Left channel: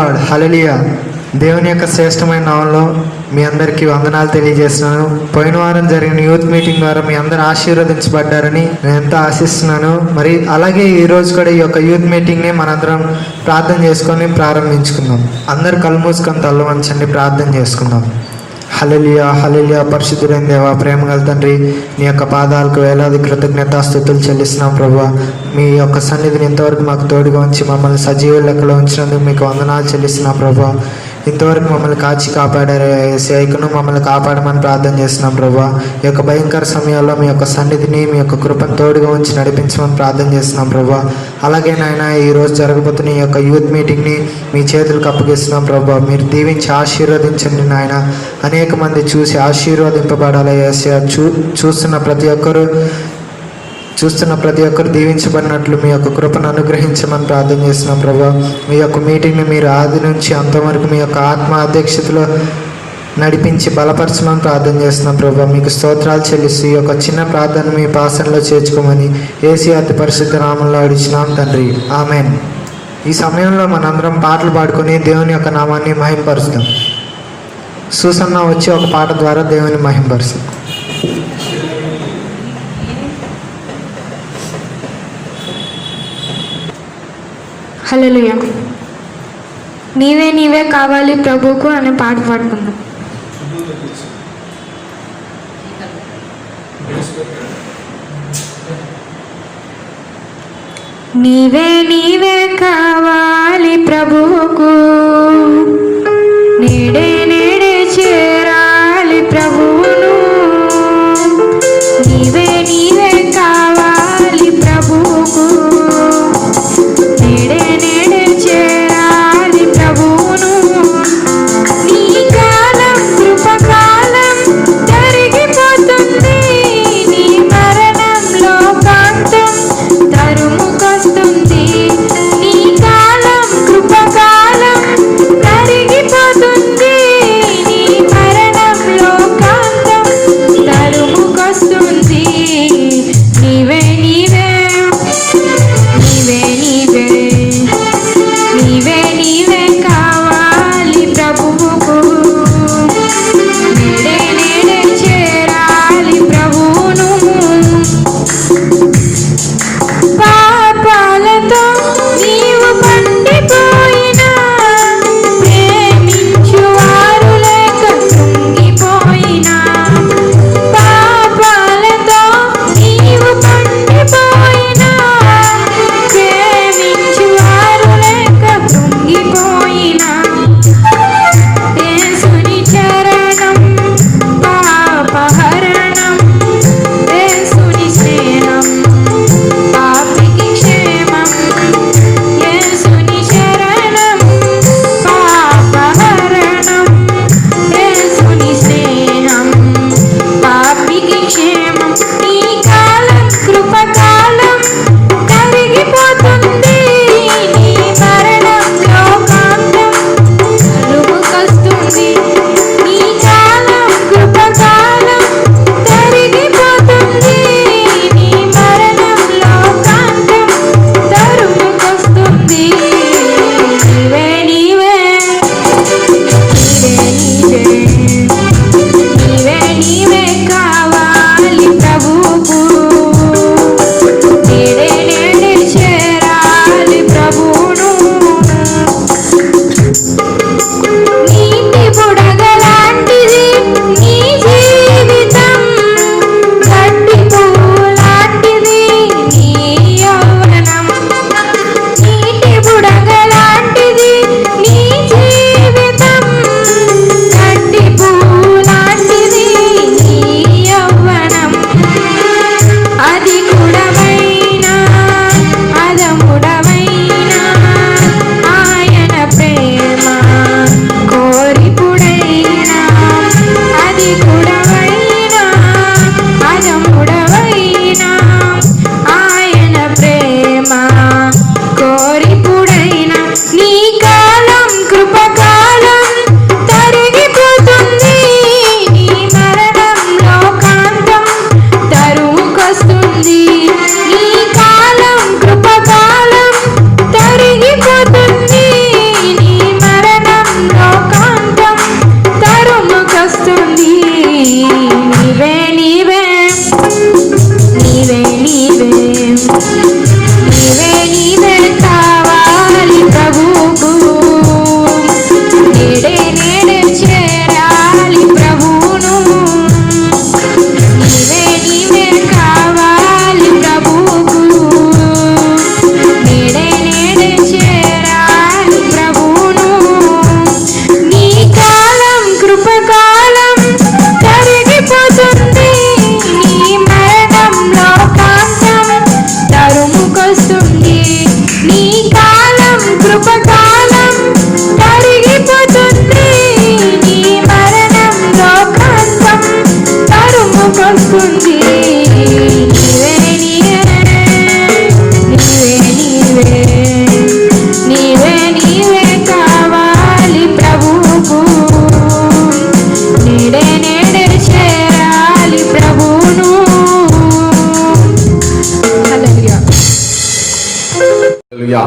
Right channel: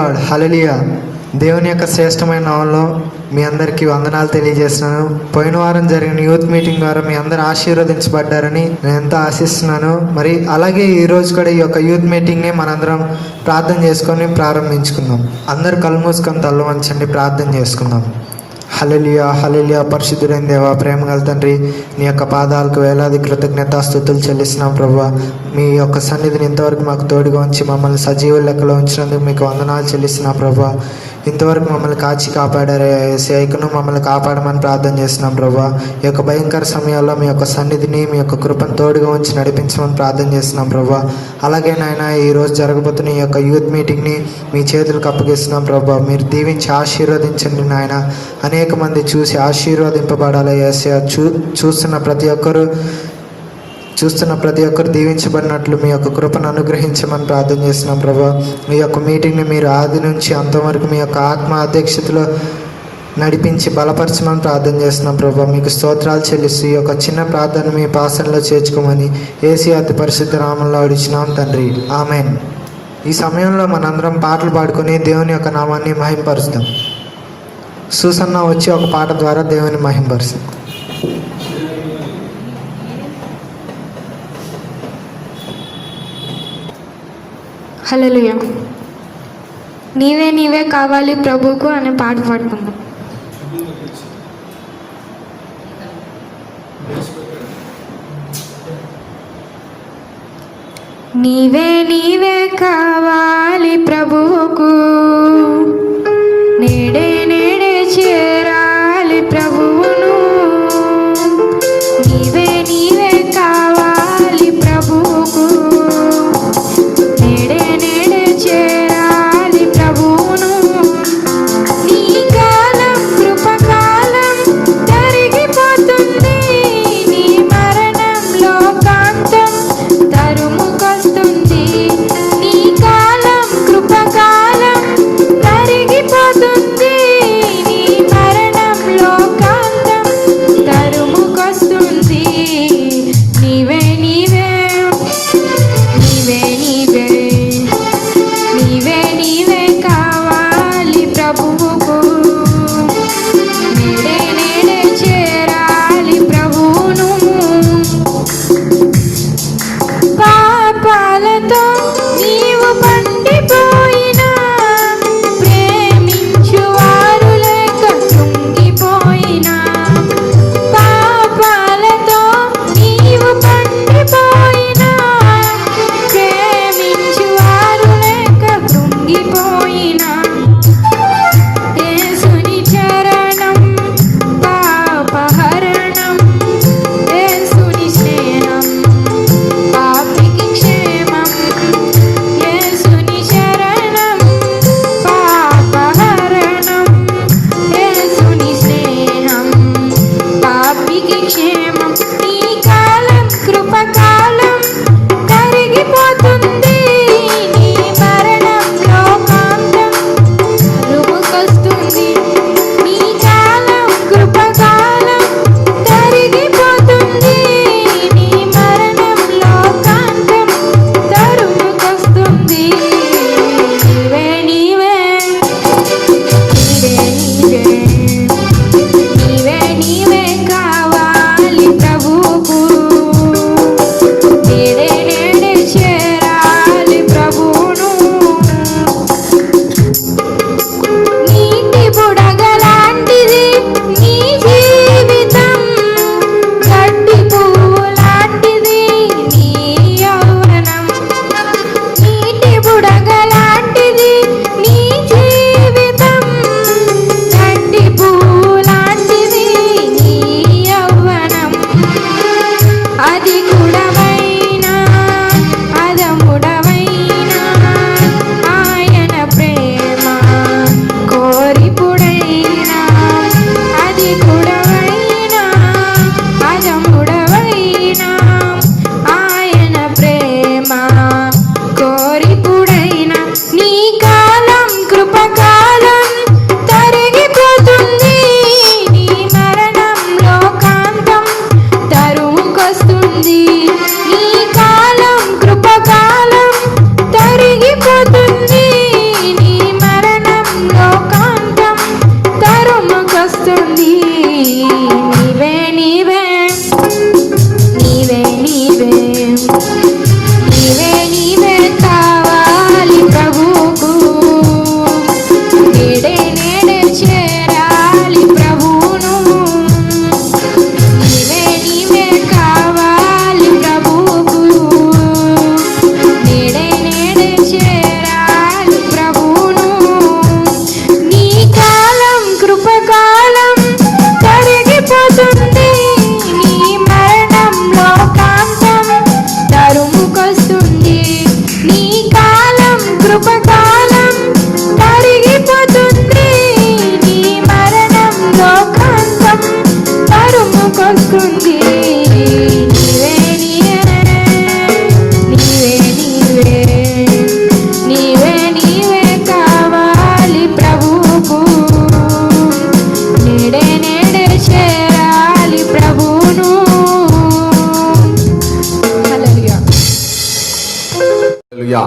Lord. హల్లెలూయా. దేవుని యొక్క శ్రేష్టమైన నామంలో మీ అందరికీ వందనాలు తెలియజేస్తున్నాను. పోయిన వారం జరిగిన యూత్ మీటింగ్ ద్వారా మీ అందరూ ఆశీర్వదించబడ్డారని నేను ఎంతో ఆశిస్తున్నాను. మరి అలాగే ఈరోజు కూడా ఈ యొక్క యూత్ మీటింగ్ని మనందరం ప్రార్థన చేసుకొని ప్రారంభించుకుందాం. అందరూ కళ్ళు మూసుకొని తల్ల వంచండి, ప్రార్థన చేసుకుందాం. హల్లెలూయా హల్లెలూయా. పరిశుద్ధుడైన దేవా, ప్రేమగల తండ్రి, నీ యొక్క పాదాలకు వేలాది కృతజ్ఞతాస్తుతులు చెల్లిస్తున్నాం ప్రభువా. మీ యొక్క సన్నిధిని ఇంతవరకు మాకు తోడుగా ఉంచి మమ్మల్ని సజీవ లెక్కలో ఉంచినందుకు మీకు వందనాలు చెల్లిస్తున్నాం ప్రభువా. ఇంతవరకు మమ్మల్ని కాచి కాపాడారు ఏసయ్యను, మమ్మల్ని కాపాడమని ప్రార్థన చేస్తున్నాం ప్రభువా. ఈ యొక్క భయంకర సమయాల్లో మీ యొక్క సన్నిధిని, మీ యొక్క కృపను తోడుగా ఉంచి నడిపించమని ప్రార్థన చేస్తున్నాం ప్రభువా. అలాగే నాయన, ఈరోజు జరగబోతున్న ఈ యొక్క యూత్ మీటింగ్ని మీ చేతులకు అప్పగిస్తున్నాం ప్రభువా. మీరు దీవించి ఆశీర్వదించండి నాయన. అనేక మంది చూసి ఆశీర్వదింపబడాలి ఏసయ్య. చూస్తున్న ప్రతి ఒక్కరు దీవించబడినట్లు మీ యొక్క కృపను అనుగ్రహించమని ప్రార్థన చేస్తున్నాం ప్రభా. మీ యొక్క మీటింగ్ని మీరు ఆది నుంచి అంతవరకు మీ యొక్క ఆత్మ అధ్యక్షతలో నడిపించి బలపరచమని ప్రార్థన చేస్తున్నాం ప్రభా. మీకు స్తోత్రాలు చెల్లిస్తూ ఈ యొక్క చిన్న ప్రార్థన మీ పాసనలో చేర్చుకోమని యేసు అతి పరిశుద్ధ నామంలో అడిచినాం తండ్రి, ఆమేన్. ఈ సమయంలో మనందరం పాటలు పాడుకొని దేవుని యొక్క నామాన్ని మహింపరుస్తాం. సూసన్న వచ్చి ఒక పాట ద్వారా దేవుని మహింపరుస్తాం. హల్లెలూయా. నీవే నీవే కావాలి ప్రభువుకు అనే పాట పాడుకుందాం. నీవే నీవే కావాలి ప్రభువుకు, నేడే నేడే చేరాలి ప్రభువును. నీవే నీవే కావాలి ప్రభువుకు, నేడే నేడే చేరాలి ప్రభువును. నీ కాలం కృపకాలం జరిగిపోతుంది, నీ మరణంలో ప్రాంతం తరుముకొస్తుంది. వస్తుంది. నీవే నీవే కావాలి ప్రభువుకు. నేడే చేరాలి ప్రభువును. హల్లెలూయా. హల్లెలూయా.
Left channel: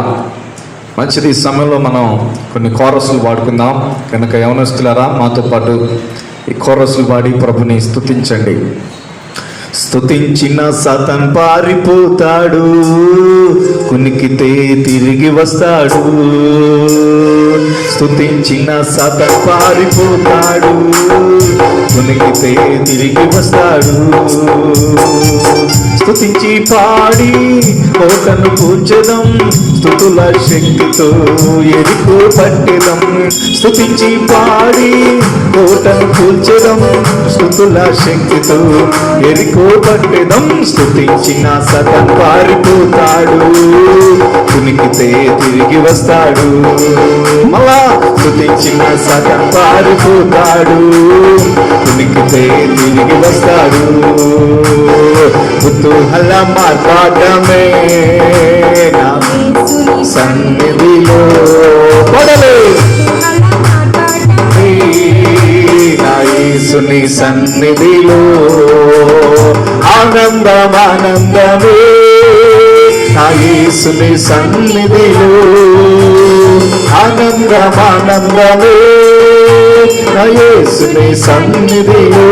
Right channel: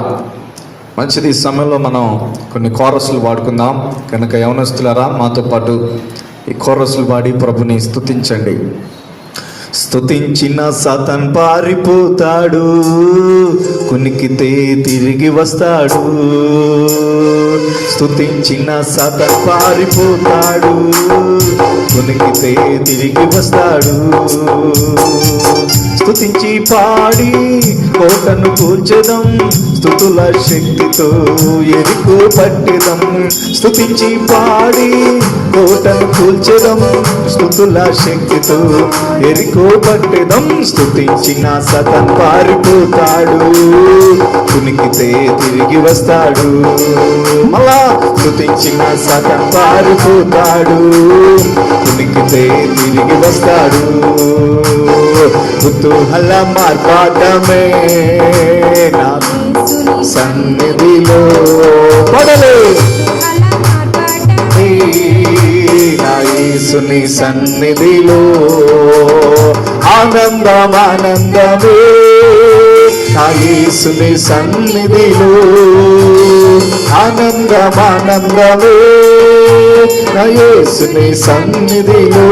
మంచిది. ఈ సమయంలో మనం కొన్ని కోరసులు పాడుకుందాం కనుక యవనస్తులారా మాతో పాటు ఈ కోరసులు పాడి ప్రభుని స్తుతించండి. స్తుతించిన సాతాన్ పారిపోతాడు, కునికితే తిరిగి వస్తాడు. స్తుతించిన సాతాన్ పారిపోతాడు, కునికితే తిరిగి వస్తాడు. స్తుతించి పాడి కోటను కూర్చడం, స్తుతుల శక్తితో ఎరుకు పట్టెదం. స్తుతించి పాడి కోటను కూర్చడం, స్తుతుల శక్తితో ఎరుకు పట్టెదం. స్తుతించిన సగం పారిపోతాడు, కునికితే తిరిగి వస్తాడు. మళ్ళా స్తుతించిన సగం పారిపోతాడు, కునికితే తిరిగి వస్తాడు. కుతూహల మార్పాటమే నా సన్నిధిలో నా యేసుని సన్నిధిలో ఆనందం ఆనందమే. నా యేసుని సన్నిధిలో ఆనందం ఆనందమే. నా యేసుని సన్నిధిలో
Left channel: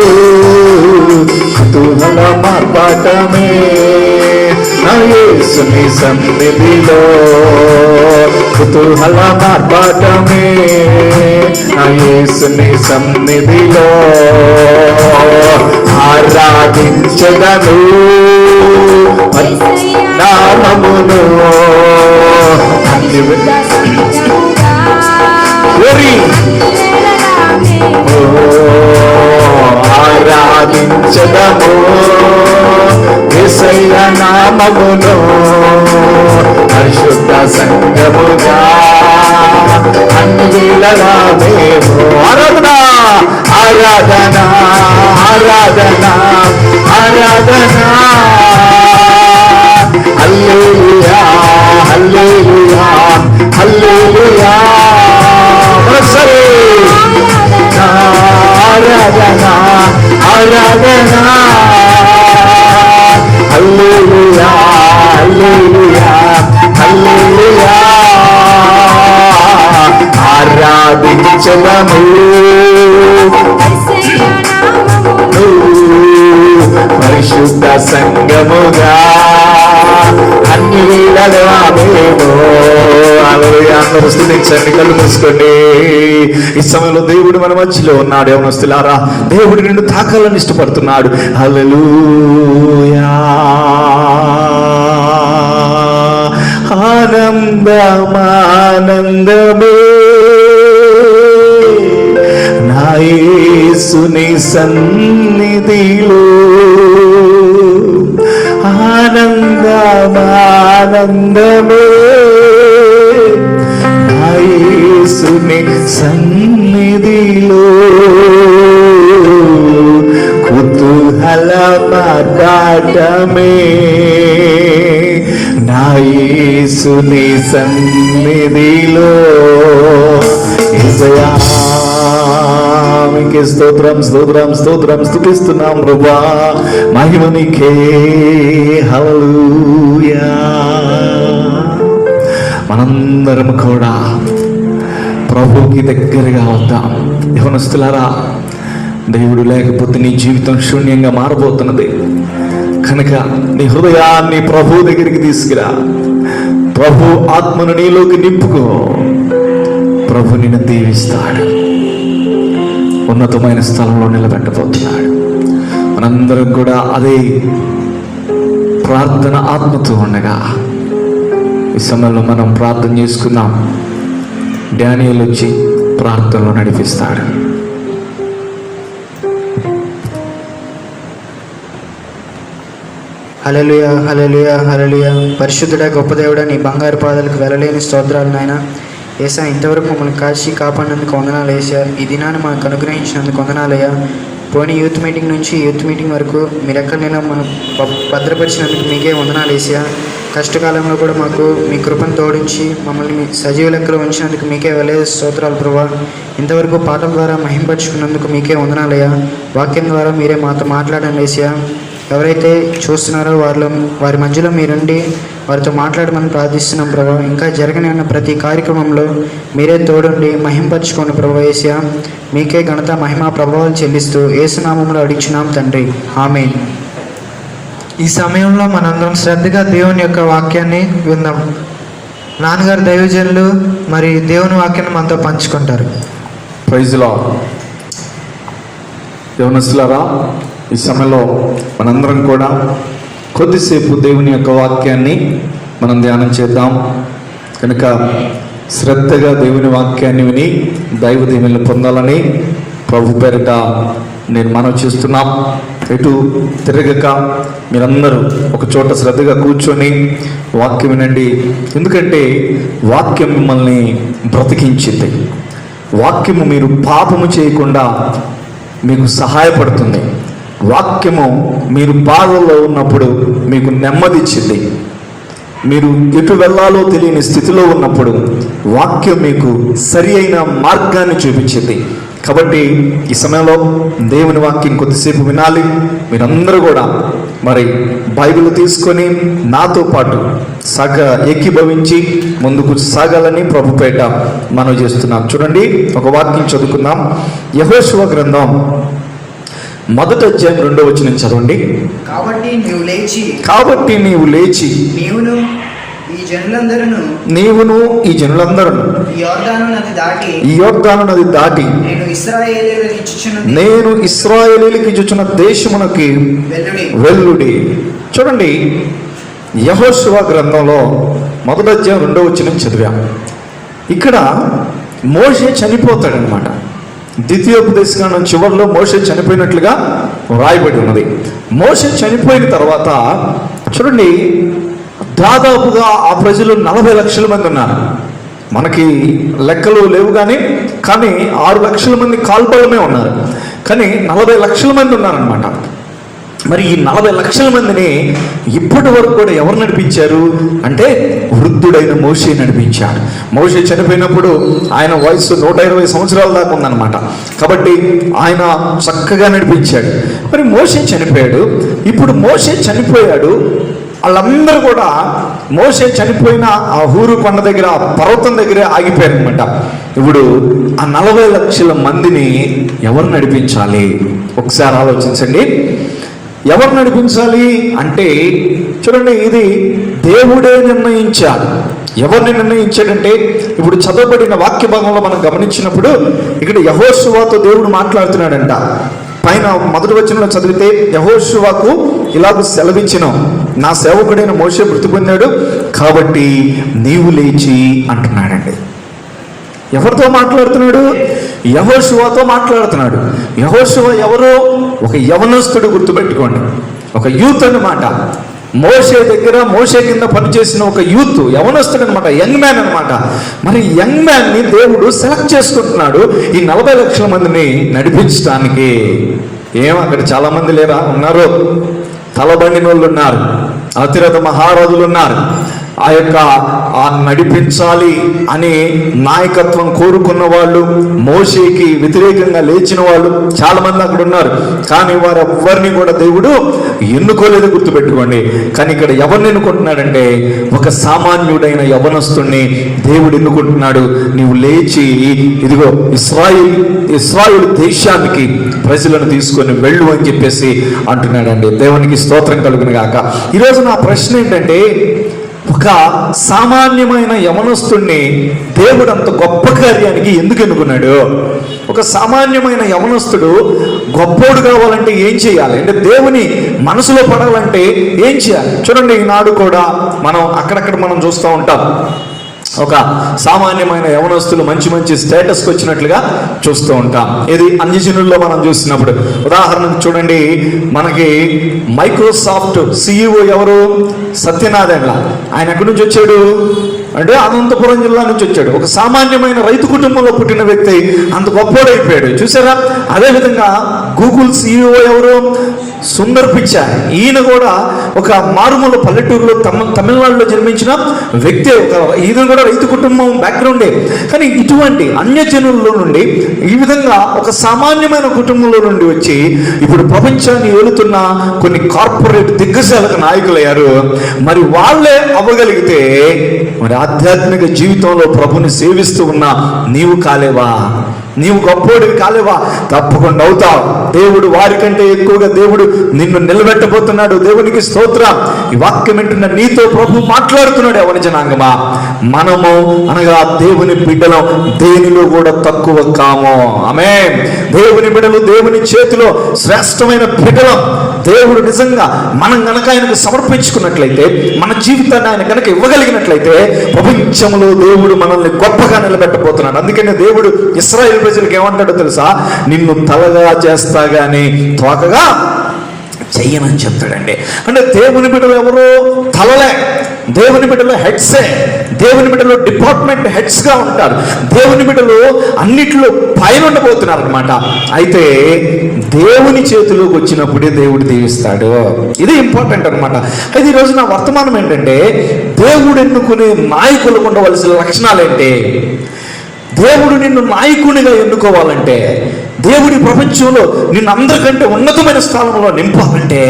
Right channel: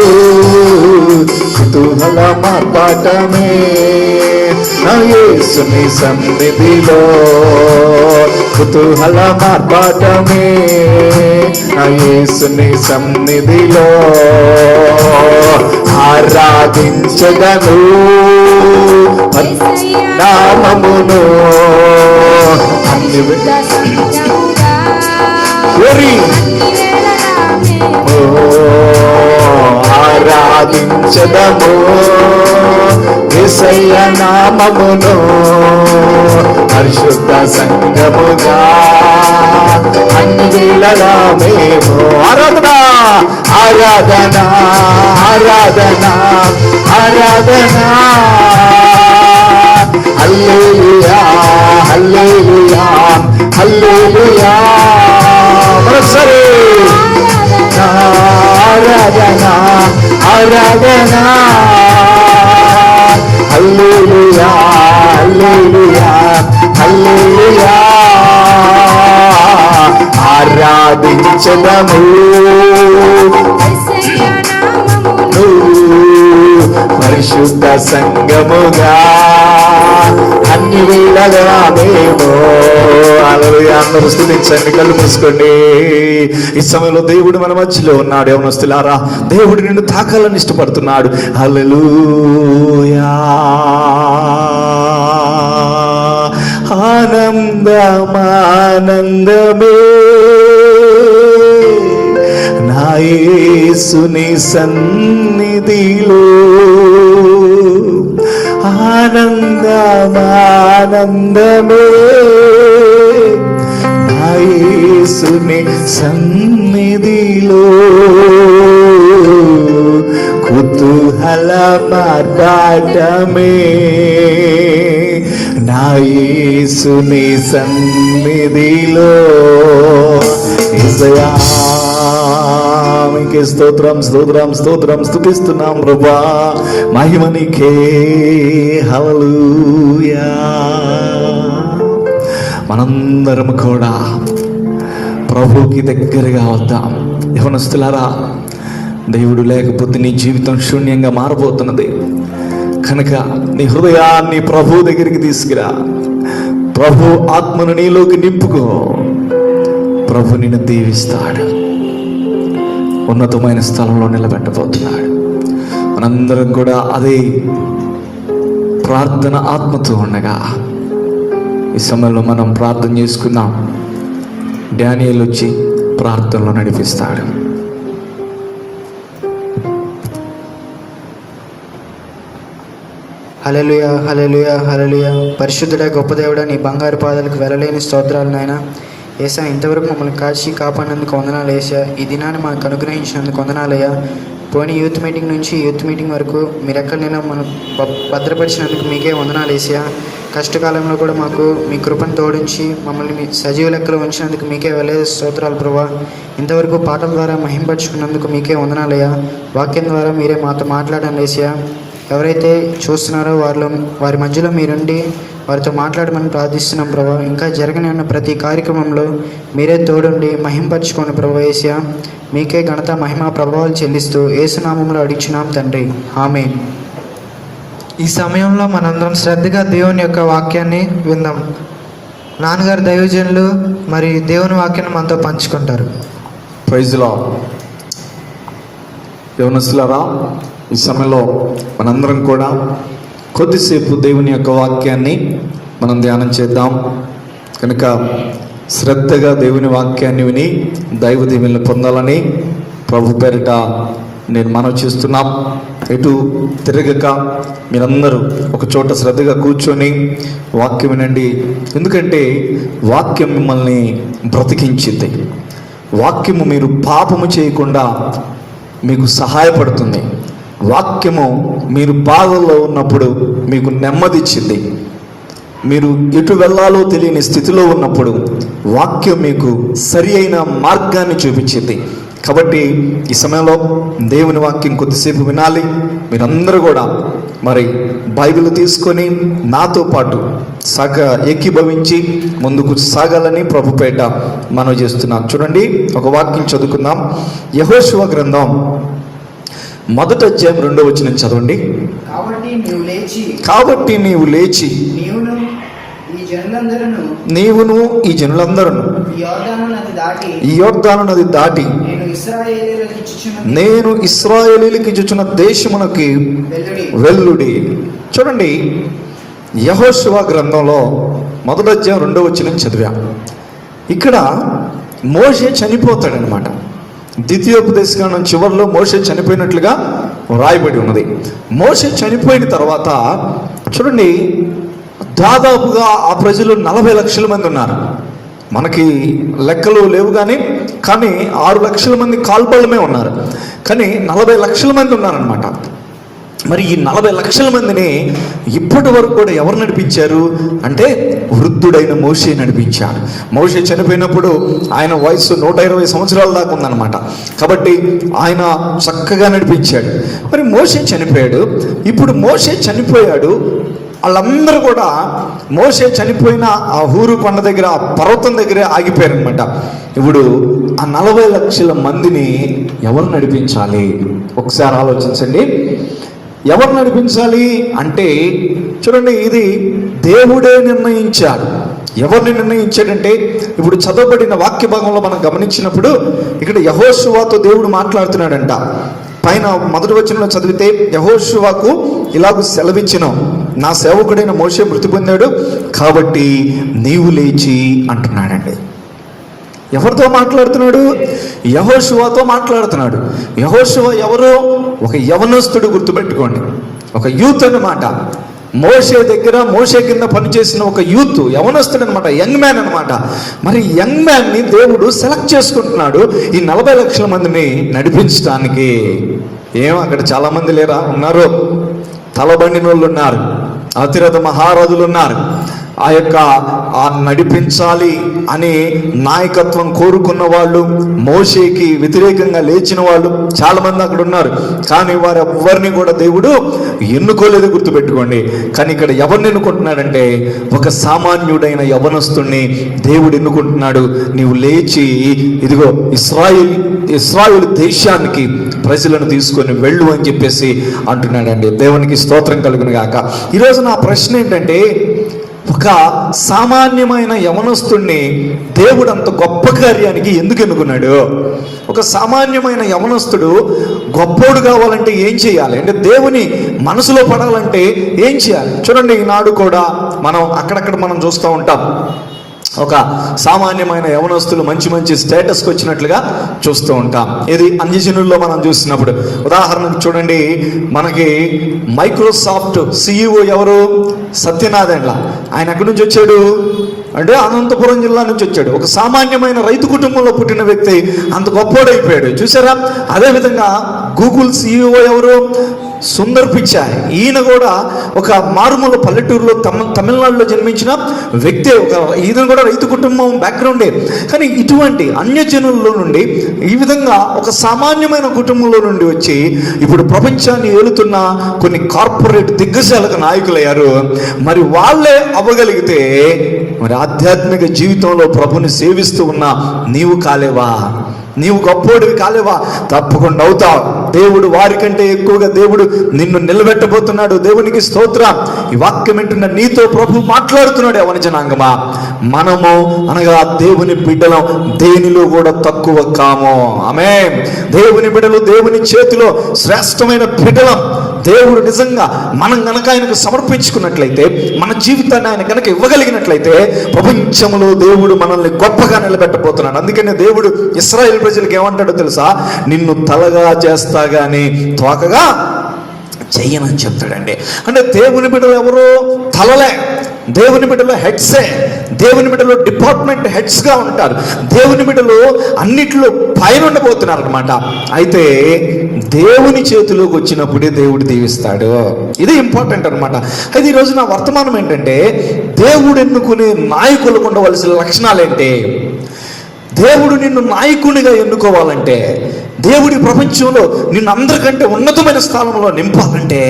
కుతూహల మార్పాటమే. నా యేసుని సన్నిధిలో కుతూహల మార్పాటమే. నా యేసుని సన్నిధిలో ఆరాధించెదను నామమును. ఆరాధించదము యేసయ్య నామమును. పరిశుద్ధ సంఘముగా అన్ని వేళలా మేము ఆరాధన ఆరాధన ఆరాధన ఆరాధన. హల్లెలూయా హల్లెలూయా హల్లెలూయా. ఆరాధన ఆరాధన హల్లెలూయా హల్లెలూయా హల్లెలూయా. ఆరాధించదము పరిశుద్ధ సంఘముగా అన్ని వేళలా మేము. అందరూ స్తుతించండి, కళ్ళు మూసుకోండి. ఈ సమయంలో దేవుడు మన మధ్యలో ఉన్నాడు. యవనస్తులారా, దేవుడు నిన్ను తాకాలని ఇష్టపడుతున్నాడు. హల్లెలూయా. ఆనందమానందమే నా యేసుని సన్నిధిలో. ఆనందమానందమే నా యేసుని సన్నిధిలో. కుతూహల మార్పాటమే నా యేసుని సన్నిధిలో. యేసయ్యా మీకే స్తోత్రం స్తోత్రం స్తోత్రం స్తుతిస్తున్నాం ప్రభువా. మహిమ నీకే. హల్లెలూయా. మనందరం కూడా ప్రభువుకి దగ్గరగా వద్దాం. యవనస్తులారా, దేవుడు లేకపోతే నీ జీవితం శూన్యంగా మారబోతున్నది కనుక నీ హృదయాన్ని ప్రభు దగ్గరికి తీసుకురా. ప్రభు ఆత్మను నీలోకి నింపుకో. ప్రభు నిన్ను దీవిస్తాడు, ఉన్నతమైన స్థలంలో నిలబెట్టబోతున్నాడు. మనందరం కూడా అదే ప్రార్థన ఆత్మతో ఉండగా ఈ సమయంలో మనం ప్రార్థన చేసుకుందాం. డానియేలు వచ్చి ప్రార్థనలో నడిపిస్తాడు. హల్లెలూయా హల్లెలూయా హల్లెలూయా. పరిశుద్ధుడా గొప్ప దేవుడా, నీ బంగారు పాదాలకు వెళ్ళలేని స్తోత్రాలు నాయన. ఏసా, ఇంతవరకు మమ్మల్ని కాచి కాపాడినందుకు వందనాలు. ఏసా, ఈ దినాన్ని మనకు అనుగ్రహించినందుకు వందనాలయ్యా. పోనీ యూత్ మీటింగ్ నుంచి యూత్ మీటింగ్ వరకు మీరు ఎక్కడైనా మనం భద్రపరిచినందుకు మీకే వందనాలు ఏసయ్యా. కష్టకాలంలో కూడా మాకు మీ కృపను తోడించి మమ్మల్ని మీ సజీవ లెక్కలో ఉంచినందుకు మీకే వేల స్తోత్రాలు ప్రభువా. ఇంతవరకు పాటల ద్వారా మహింపరుచుకున్నందుకు మీకే వందనాలయ్యా. వాక్యం ద్వారా మీరే మాతో మాట్లాడండి ఏసయ్యా. ఎవరైతే చూస్తున్నారో వారి మధ్యలో మీరుండి వారితో మాట్లాడమని ప్రార్థిస్తున్నాం ప్రభా. ఇంకా జరగని ఉన్న ప్రతి కార్యక్రమంలో మీరే తోడుండి మహింపరచుకోండి ప్రభా యేసయ్యా. మీకే ఘనత మహిమ ప్రభావాలు చెల్లిస్తూ యేసునామంలో అడిగిచున్నాం తండ్రి, ఆమేన్. ఈ సమయంలో మనందరం శ్రద్ధగా దేవుని యొక్క వాక్యాన్ని విందాం. నాన్నగారు దైవజనులు మరి దేవుని వాక్యాన్ని మనతో పంచుకుంటారు. Praise lord. యవనస్తులారా, ఈ సమయంలో మనందరం కూడా కొద్దిసేపు దేవుని యొక్క వాక్యాన్ని మనం ధ్యానం చేద్దాం. కనుక శ్రద్ధగా దేవుని వాక్యాన్ని విని దైవ దీవెనలు పొందాలని ప్రభు పేరిట నేను మనం చేస్తున్నాం. ఎటు తిరగక మీరందరూ ఒక చోట శ్రద్ధగా కూర్చొని వాక్యం వినండి. ఎందుకంటే వాక్యం మిమ్మల్ని బ్రతికించింది. వాక్యము మీరు పాపము చేయకుండా మీకు సహాయపడుతుంది. వాక్యము మీరు బాధల్లో ఉన్నప్పుడు మీకు నెమ్మదిచ్చింది. మీరు ఎటు వెళ్ళాలో తెలియని స్థితిలో ఉన్నప్పుడు వాక్యం మీకు సరి అయిన మార్గాన్ని చూపించింది. కాబట్టి ఈ సమయంలో దేవుని వాక్యం కొద్దిసేపు వినాలి. మీరందరూ కూడా మరి బైబిల్ తీసుకొని నాతో పాటు ఏకీభవించి ముందుకు సాగాలని ప్రభుపేట మనం చేస్తున్నాం. చూడండి, ఒక వాక్యం చదువుకుందాం. యెహోషువ గ్రంథం 1వ అధ్యాయం 2వ వచనం చదవండి. కాబట్టి నీవు లేచి నీవును ఈ జనులందరూ ఈ యోర్దాను నది దాటి నేను ఇశ్రాయేలీయులకు ఇచ్చుచున్న దేశమునకి వెళ్ళుడి. చూడండి, యెహోషువ గ్రంథంలో 1వ అధ్యాయం 2వ వచనం చదివాం. ఇక్కడ మోషే చనిపోతాడనమాట. ద్వితీయోపదేశకాండం చివరిలో మోషే చనిపోయినట్లుగా రాయబడి ఉన్నది. మోషే చనిపోయిన తర్వాత చూడండి, దాదాపుగా ఆ ప్రజలు 40 లక్షల మంది ఉన్నారు. మనకి లెక్కలు లేవు కానీ 6 లక్షల మంది కాల్బలమే ఉన్నారు. కానీ 40 లక్షల మంది ఉన్నారనమాట. మరి ఈ 40 లక్షల మందిని ఇప్పటి వరకు కూడా ఎవరు నడిపించారు అంటే వృద్ధుడైన మోషే నడిపించారు. మోషే చనిపోయినప్పుడు ఆయన వయసు 120 సంవత్సరాల దాకా ఉందన్నమాట. కాబట్టి ఆయన చక్కగా నడిపించాడు. మరి మోషే చనిపోయాడు. ఇప్పుడు మోషే చనిపోయాడు. వాళ్ళందరూ కూడా మోషే చనిపోయిన ఆ ఊరు కొండ దగ్గర, పర్వతం దగ్గర ఆగిపోయారు అనమాట. ఇప్పుడు ఆ 40 లక్షల మందిని ఎవరు నడిపించాలి? ఒకసారి ఆలోచించండి. ఎవరు నడిపించాలి అంటే చూడండి, ఇది దేవుడే నిర్ణయించాడు. ఎవరిని నిర్ణయించాడంటే ఇప్పుడు చదవబడిన వాక్య భాగంలో మనం గమనించినప్పుడు ఇక్కడ యెహోషువతో దేవుడు మాట్లాడుతున్నాడంట. పైన 1వ వచనంలో చదివితే యెహోషువకు ఇలాగ సెలవిచ్చినాం, నా సేవకుడైన మోషే మృతి పొందాడు కాబట్టి నీవు లేచి అంటున్నాడండి. ఎవరితో మాట్లాడుతున్నాడు? యెహోషువతో మాట్లాడుతున్నాడు. యెహోషువ ఎవరో ఒక యవనస్తుడు, గుర్తుపెట్టుకోండి, ఒక యూత్ అన్నమాట. మోషే దగ్గర, మోషే కింద పనిచేసిన ఒక యూత్, యవనస్తుడు అనమాట, యంగ్ మ్యాన్ అనమాట. మరి యంగ్ మ్యాన్ ని దేవుడు సెలెక్ట్ చేసుకుంటున్నాడు ఈ 40 లక్షల మందిని నడిపించడానికి. అక్కడ చాలా మంది లేరా? ఉన్నారు. తలబండిన వాళ్ళు ఉన్నారు, అతిరథ మహారాజులు ఉన్నారు. ఆ నడిపించాలి అనే నాయకత్వం కోరుకున్న వాళ్ళు, మోషేకి వ్యతిరేకంగా లేచిన వాళ్ళు చాలా మంది అక్కడ ఉన్నారు. కానీ వారు ఎవరిని కూడా దేవుడు ఎన్నుకోలేదు, గుర్తుపెట్టుకోండి. కానీ ఇక్కడ ఎవరిని ఎన్నుకుంటున్నాడంటే ఒక సామాన్యుడైన యవనస్తుడిని దేవుడు ఎన్నుకుంటున్నాడు. నీవు లేచి ఇదిగో ఇశ్రాయేలు దేశానికి ప్రజలను తీసుకొని వెళ్ళు అని చెప్పేసి అంటున్నాడండి. దేవునికి స్తోత్రం కలుగును గాక. ఈరోజు నా ప్రశ్న ఏంటంటే, ఒక సామాన్యమైన యవనస్తుడిని దేవుడు అంత గొప్ప కార్యానికి ఎందుకు ఎన్నుకున్నాడు? ఒక సామాన్యమైన యవనస్తుడు గొప్పోడు కావాలంటే ఏం చేయాలి అంటే, దేవుని మనసులో పడాలంటే ఏం చేయాలి? చూడండి, ఈనాడు కూడా మనం అక్కడక్కడ మనం చూస్తూ ఉంటాం. ఒక సామాన్యమైన యవనస్తులు మంచి మంచి స్టేటస్కి వచ్చినట్లుగా చూస్తూ ఉంటాం. ఇది అన్యజనుల్లో మనం చూసినప్పుడు ఉదాహరణకు చూడండి, మనకి మైక్రోసాఫ్ట్ CEO ఎవరు? సత్యనారాయణ. ఆయన ఎక్కడి నుంచి వచ్చాడు? అంటే అనంతపురం జిల్లా నుంచి వచ్చాడు. ఒక సామాన్యమైన రైతు కుటుంబంలో పుట్టిన వ్యక్తి అంత గొప్పోడైపోయాడు. చూసారా? అదేవిధంగా గూగుల్ CEO ఎవరు? సుందర్ పిచాయ్. ఈయన కూడా ఒక మారుమూల పల్లెటూరులో తమిళనాడులో జన్మించిన వ్యక్తి. ఈయన కూడా రైతు కుటుంబం బ్యాక్గ్రౌండే. కానీ ఇటువంటి అన్యజనుల్లో నుండి ఈ విధంగా ఒక సామాన్యమైన కుటుంబంలో నుండి వచ్చి ఇప్పుడు ప్రపంచాన్ని ఏలుతున్న కొన్ని కార్పొరేట్ దిగ్గజాలకు నాయకులయ్యారు. మరి వాళ్ళే అవ్వగలిగితే మరి ఆధ్యాత్మిక జీవితంలో ప్రభుని సేవిస్తూ ఉన్న నీవు కాలేవా? నీవు గొప్పోడివి కాలేవా? తప్పకుండా అవుతావు. దేవుడు వారికంటే ఎక్కువగా దేవుడు నిన్ను నిలబెట్టబోతున్నాడు. దేవునికి స్తోత్రం. ఈ వాక్యం వింటున్న నీతో ప్రభు మాట్లాడుతున్నాడు. ఎవరి జనాంగమా, మనము అనగా దేవుని బిడ్డలం దేనిలో కూడా తక్కువ కాము. ఆమేన్. దేవుని బిడ్డలు దేవుని చేతిలో శ్రేష్టమైన బిడ్డలం. దేవుడు నిజంగా మనం కనుక ఆయనకు సమర్పించుకున్నట్లయితే, మన జీవితాన్ని ఆయన కనుక ఇవ్వగలిగినట్లయితే ప్రపంచంలో దేవుడు మనల్ని గొప్పగా నిలబెట్టబోతున్నాడు. అందుకనే దేవుడు ఇశ్రాయేలు ప్రజలకు ఏమంటాడో తెలుసా? నిన్ను తలగా చేస్తా గానీ తోకగా చెయ్యనని చెప్తాడండి. అంటే దేవుని బిడ్డలు ఎవరు? తలలే. దేవుని బిడ్డలు హెడ్సే. దేవుని బిడ్డలు డిపార్ట్మెంట్ హెడ్స్గా ఉంటారు. దేవుని బిడ్డలు అన్నిట్లో పైన ఉండబోతున్నారు అనమాట. అయితే దేవుని చేతిలోకి వచ్చినప్పుడే దేవుడు దీవిస్తాడు. ఇది ఇంపార్టెంట్ అనమాట. అయితే ఈరోజు నా వర్తమానం ఏంటంటే, దేవుడు ఎన్నుకునే నాయకులకు ఉండవలసిన లక్షణాలు ఏంటి? దేవుడు నిన్ను నాయకునిగా ఎన్నుకోవాలంటే, దేవుడి ప్రపంచంలో నిన్ను అందరికంటే ఉన్నతమైన స్థానంలో నింపాలంటే,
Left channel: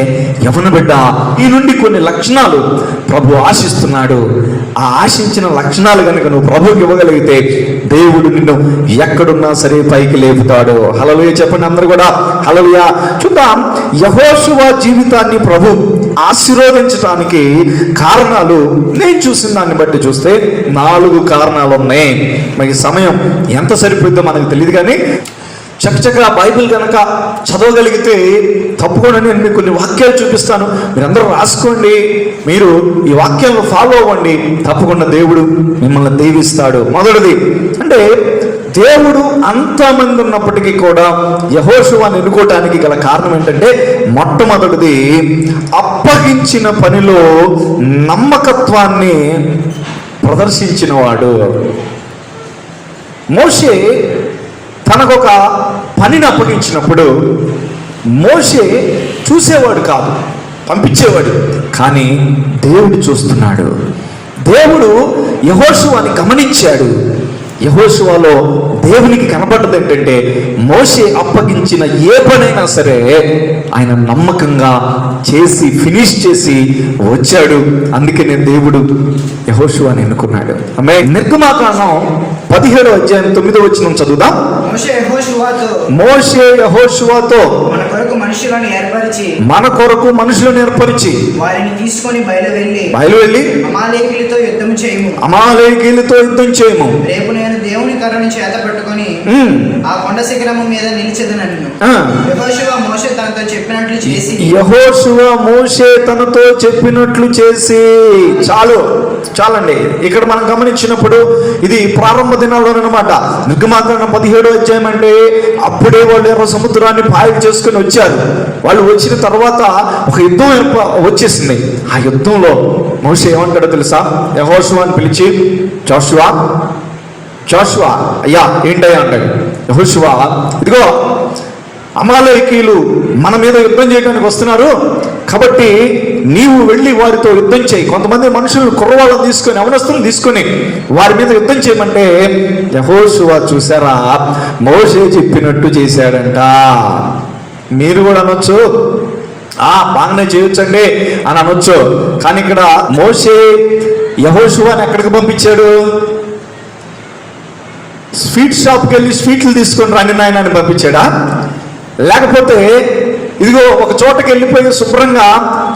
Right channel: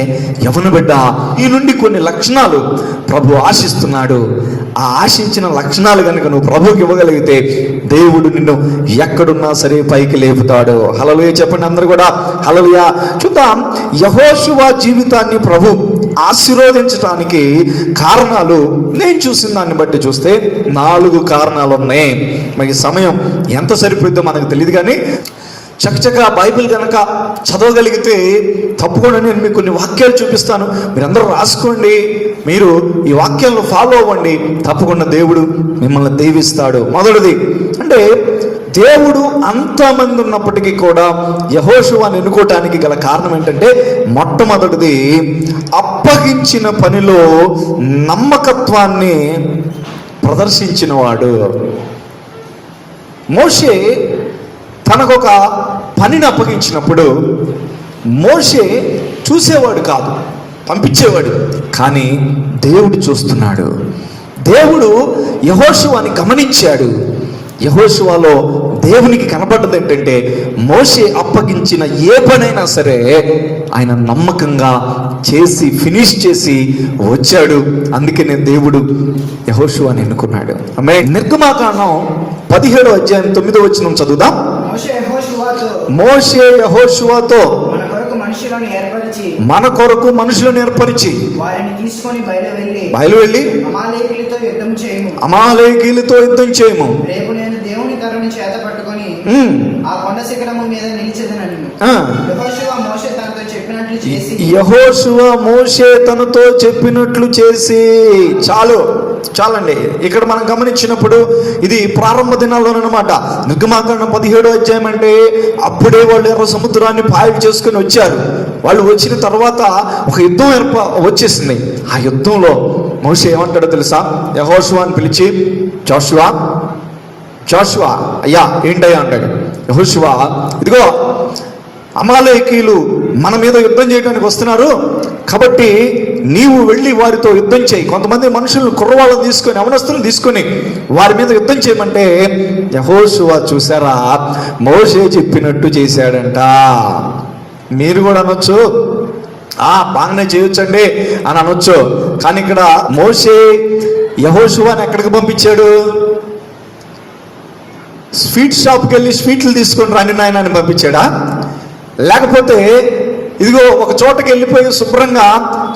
యవన బిడ్డ ఈ నుండి కొన్ని లక్షణాలు ప్రభు ఆశిస్తున్నాడు. ఆ ఆశించిన లక్షణాలు కనుక నువ్వు ప్రభుకి ఇవ్వగలిగితే దేవుడు నిన్ను ఎక్కడున్నా సరే పైకి లేపుతాడు. హల్లెలూయా చెప్పండి అందరూ కూడా హల్లెలూయా. చూద్దాం, యెహోషువ జీవితాన్ని ప్రభు ఆశీర్వదించడానికి కారణాలు నేను చూసిన దాన్ని బట్టి చూస్తే 4 కారణాలు ఉన్నాయి. మరి సమయం ఎంత సరిపోతుందో మనకు తెలియదు, కానీ చక్కగా బైబిల్ కనుక చదవగలిగితే తప్పకుండా నేను మీకు కొన్ని వాక్యాలు చూపిస్తాను. మీరందరూ రాసుకోండి. మీరు ఈ వాక్యాలను ఫాలో అవ్వండి. తప్పకుండా దేవుడు మిమ్మల్ని దీవిస్తాడు. మొదటిది అంటే, దేవుడు అంతమంది ఉన్నప్పటికీ కూడా యెహోషువను ఎన్నుకోవటానికి గల కారణం ఏంటంటే, మొట్టమొదటిది అప్పగించిన పనిలో నమ్మకత్వాన్ని ప్రదర్శించిన వాడు. మోషే తనకొక పనిని అప్పగించినప్పుడు మోషే చూసేవాడు కాదు, పంపించేవాడు. కానీ దేవుడు చూస్తున్నాడు. దేవుడు యెహోషువని గమనించాడు. యెహోషువలో దేవునికి కనబడ్డది ఏంటంటే, మోషే అప్పగించిన ఏ పనైనా సరే ఆయన నమ్మకంగా చేసి ఫినిష్ చేసి వచ్చాడు. అందుకనే దేవుడు యెహోషువని ఎన్నుకున్నాడు. ఆమె నిర్గమాకాండం 17వ అధ్యాయం 9వ వచనం చదువుదాం. మోషే యెహోషువతో మన కొరకు మనుషులను ఏర్పరిచి వారిని తీసుకొని బయలువెళ్ళి అమాలేకీయులతో యుద్ధం చేయము. రేపు నేను దేవుని కర్రను చేత పట్టుకొని ఆ కొండ శిఖరము మీద నిలిచెదనను. యెహోషువ మోషే తనతో చెప్పినట్లు చేసి చాలండి. ఇక్కడ మనం గమనించినప్పుడు ఇది ప్రారంభ దినాల్లో అనమాట. నిర్గమాకాండం 17వ అధ్యాయం అంటే అప్పుడే వాళ్ళు ఎర్ర సముద్రాన్ని పాయలు చేసుకుని వచ్చారు. వాళ్ళు వచ్చిన తర్వాత ఒక యుద్ధం వచ్చేసింది. ఆ యుద్ధంలో మోషే ఏమంటాడో తెలుసా? యెహోషువని పిలిచి, జోషువా అయ్యా ఏంటయ్యా అంటాడు. యెహోషువ, ఇదిగో అమాలేకీయులు మన మీద యుద్ధం చేయడానికి వస్తున్నారు, కాబట్టి నీవు వెళ్ళి వారితో యుద్ధం చేయి. కొంతమంది మనుషులను కుర్రవాళ్ళని తీసుకొని, అవనస్తులను తీసుకొని వారి మీద యుద్ధం చేయమంటే యెహోషువ చూసారా, మోషే చెప్పినట్టు చేశాడంట. మీరు కూడా అనొచ్చు, బాగానే చేయొచ్చండి అని అనొచ్చు. కానీ ఇక్కడ మోషే యెహోషువని ఎక్కడికి పంపించాడు? స్వీట్ షాప్కి వెళ్ళి స్వీట్లు తీసుకొని రాని నాయన అని పంపించాడా? లేకపోతే ఇదిగో ఒక చోటకి వెళ్ళిపోయి శుభ్రంగా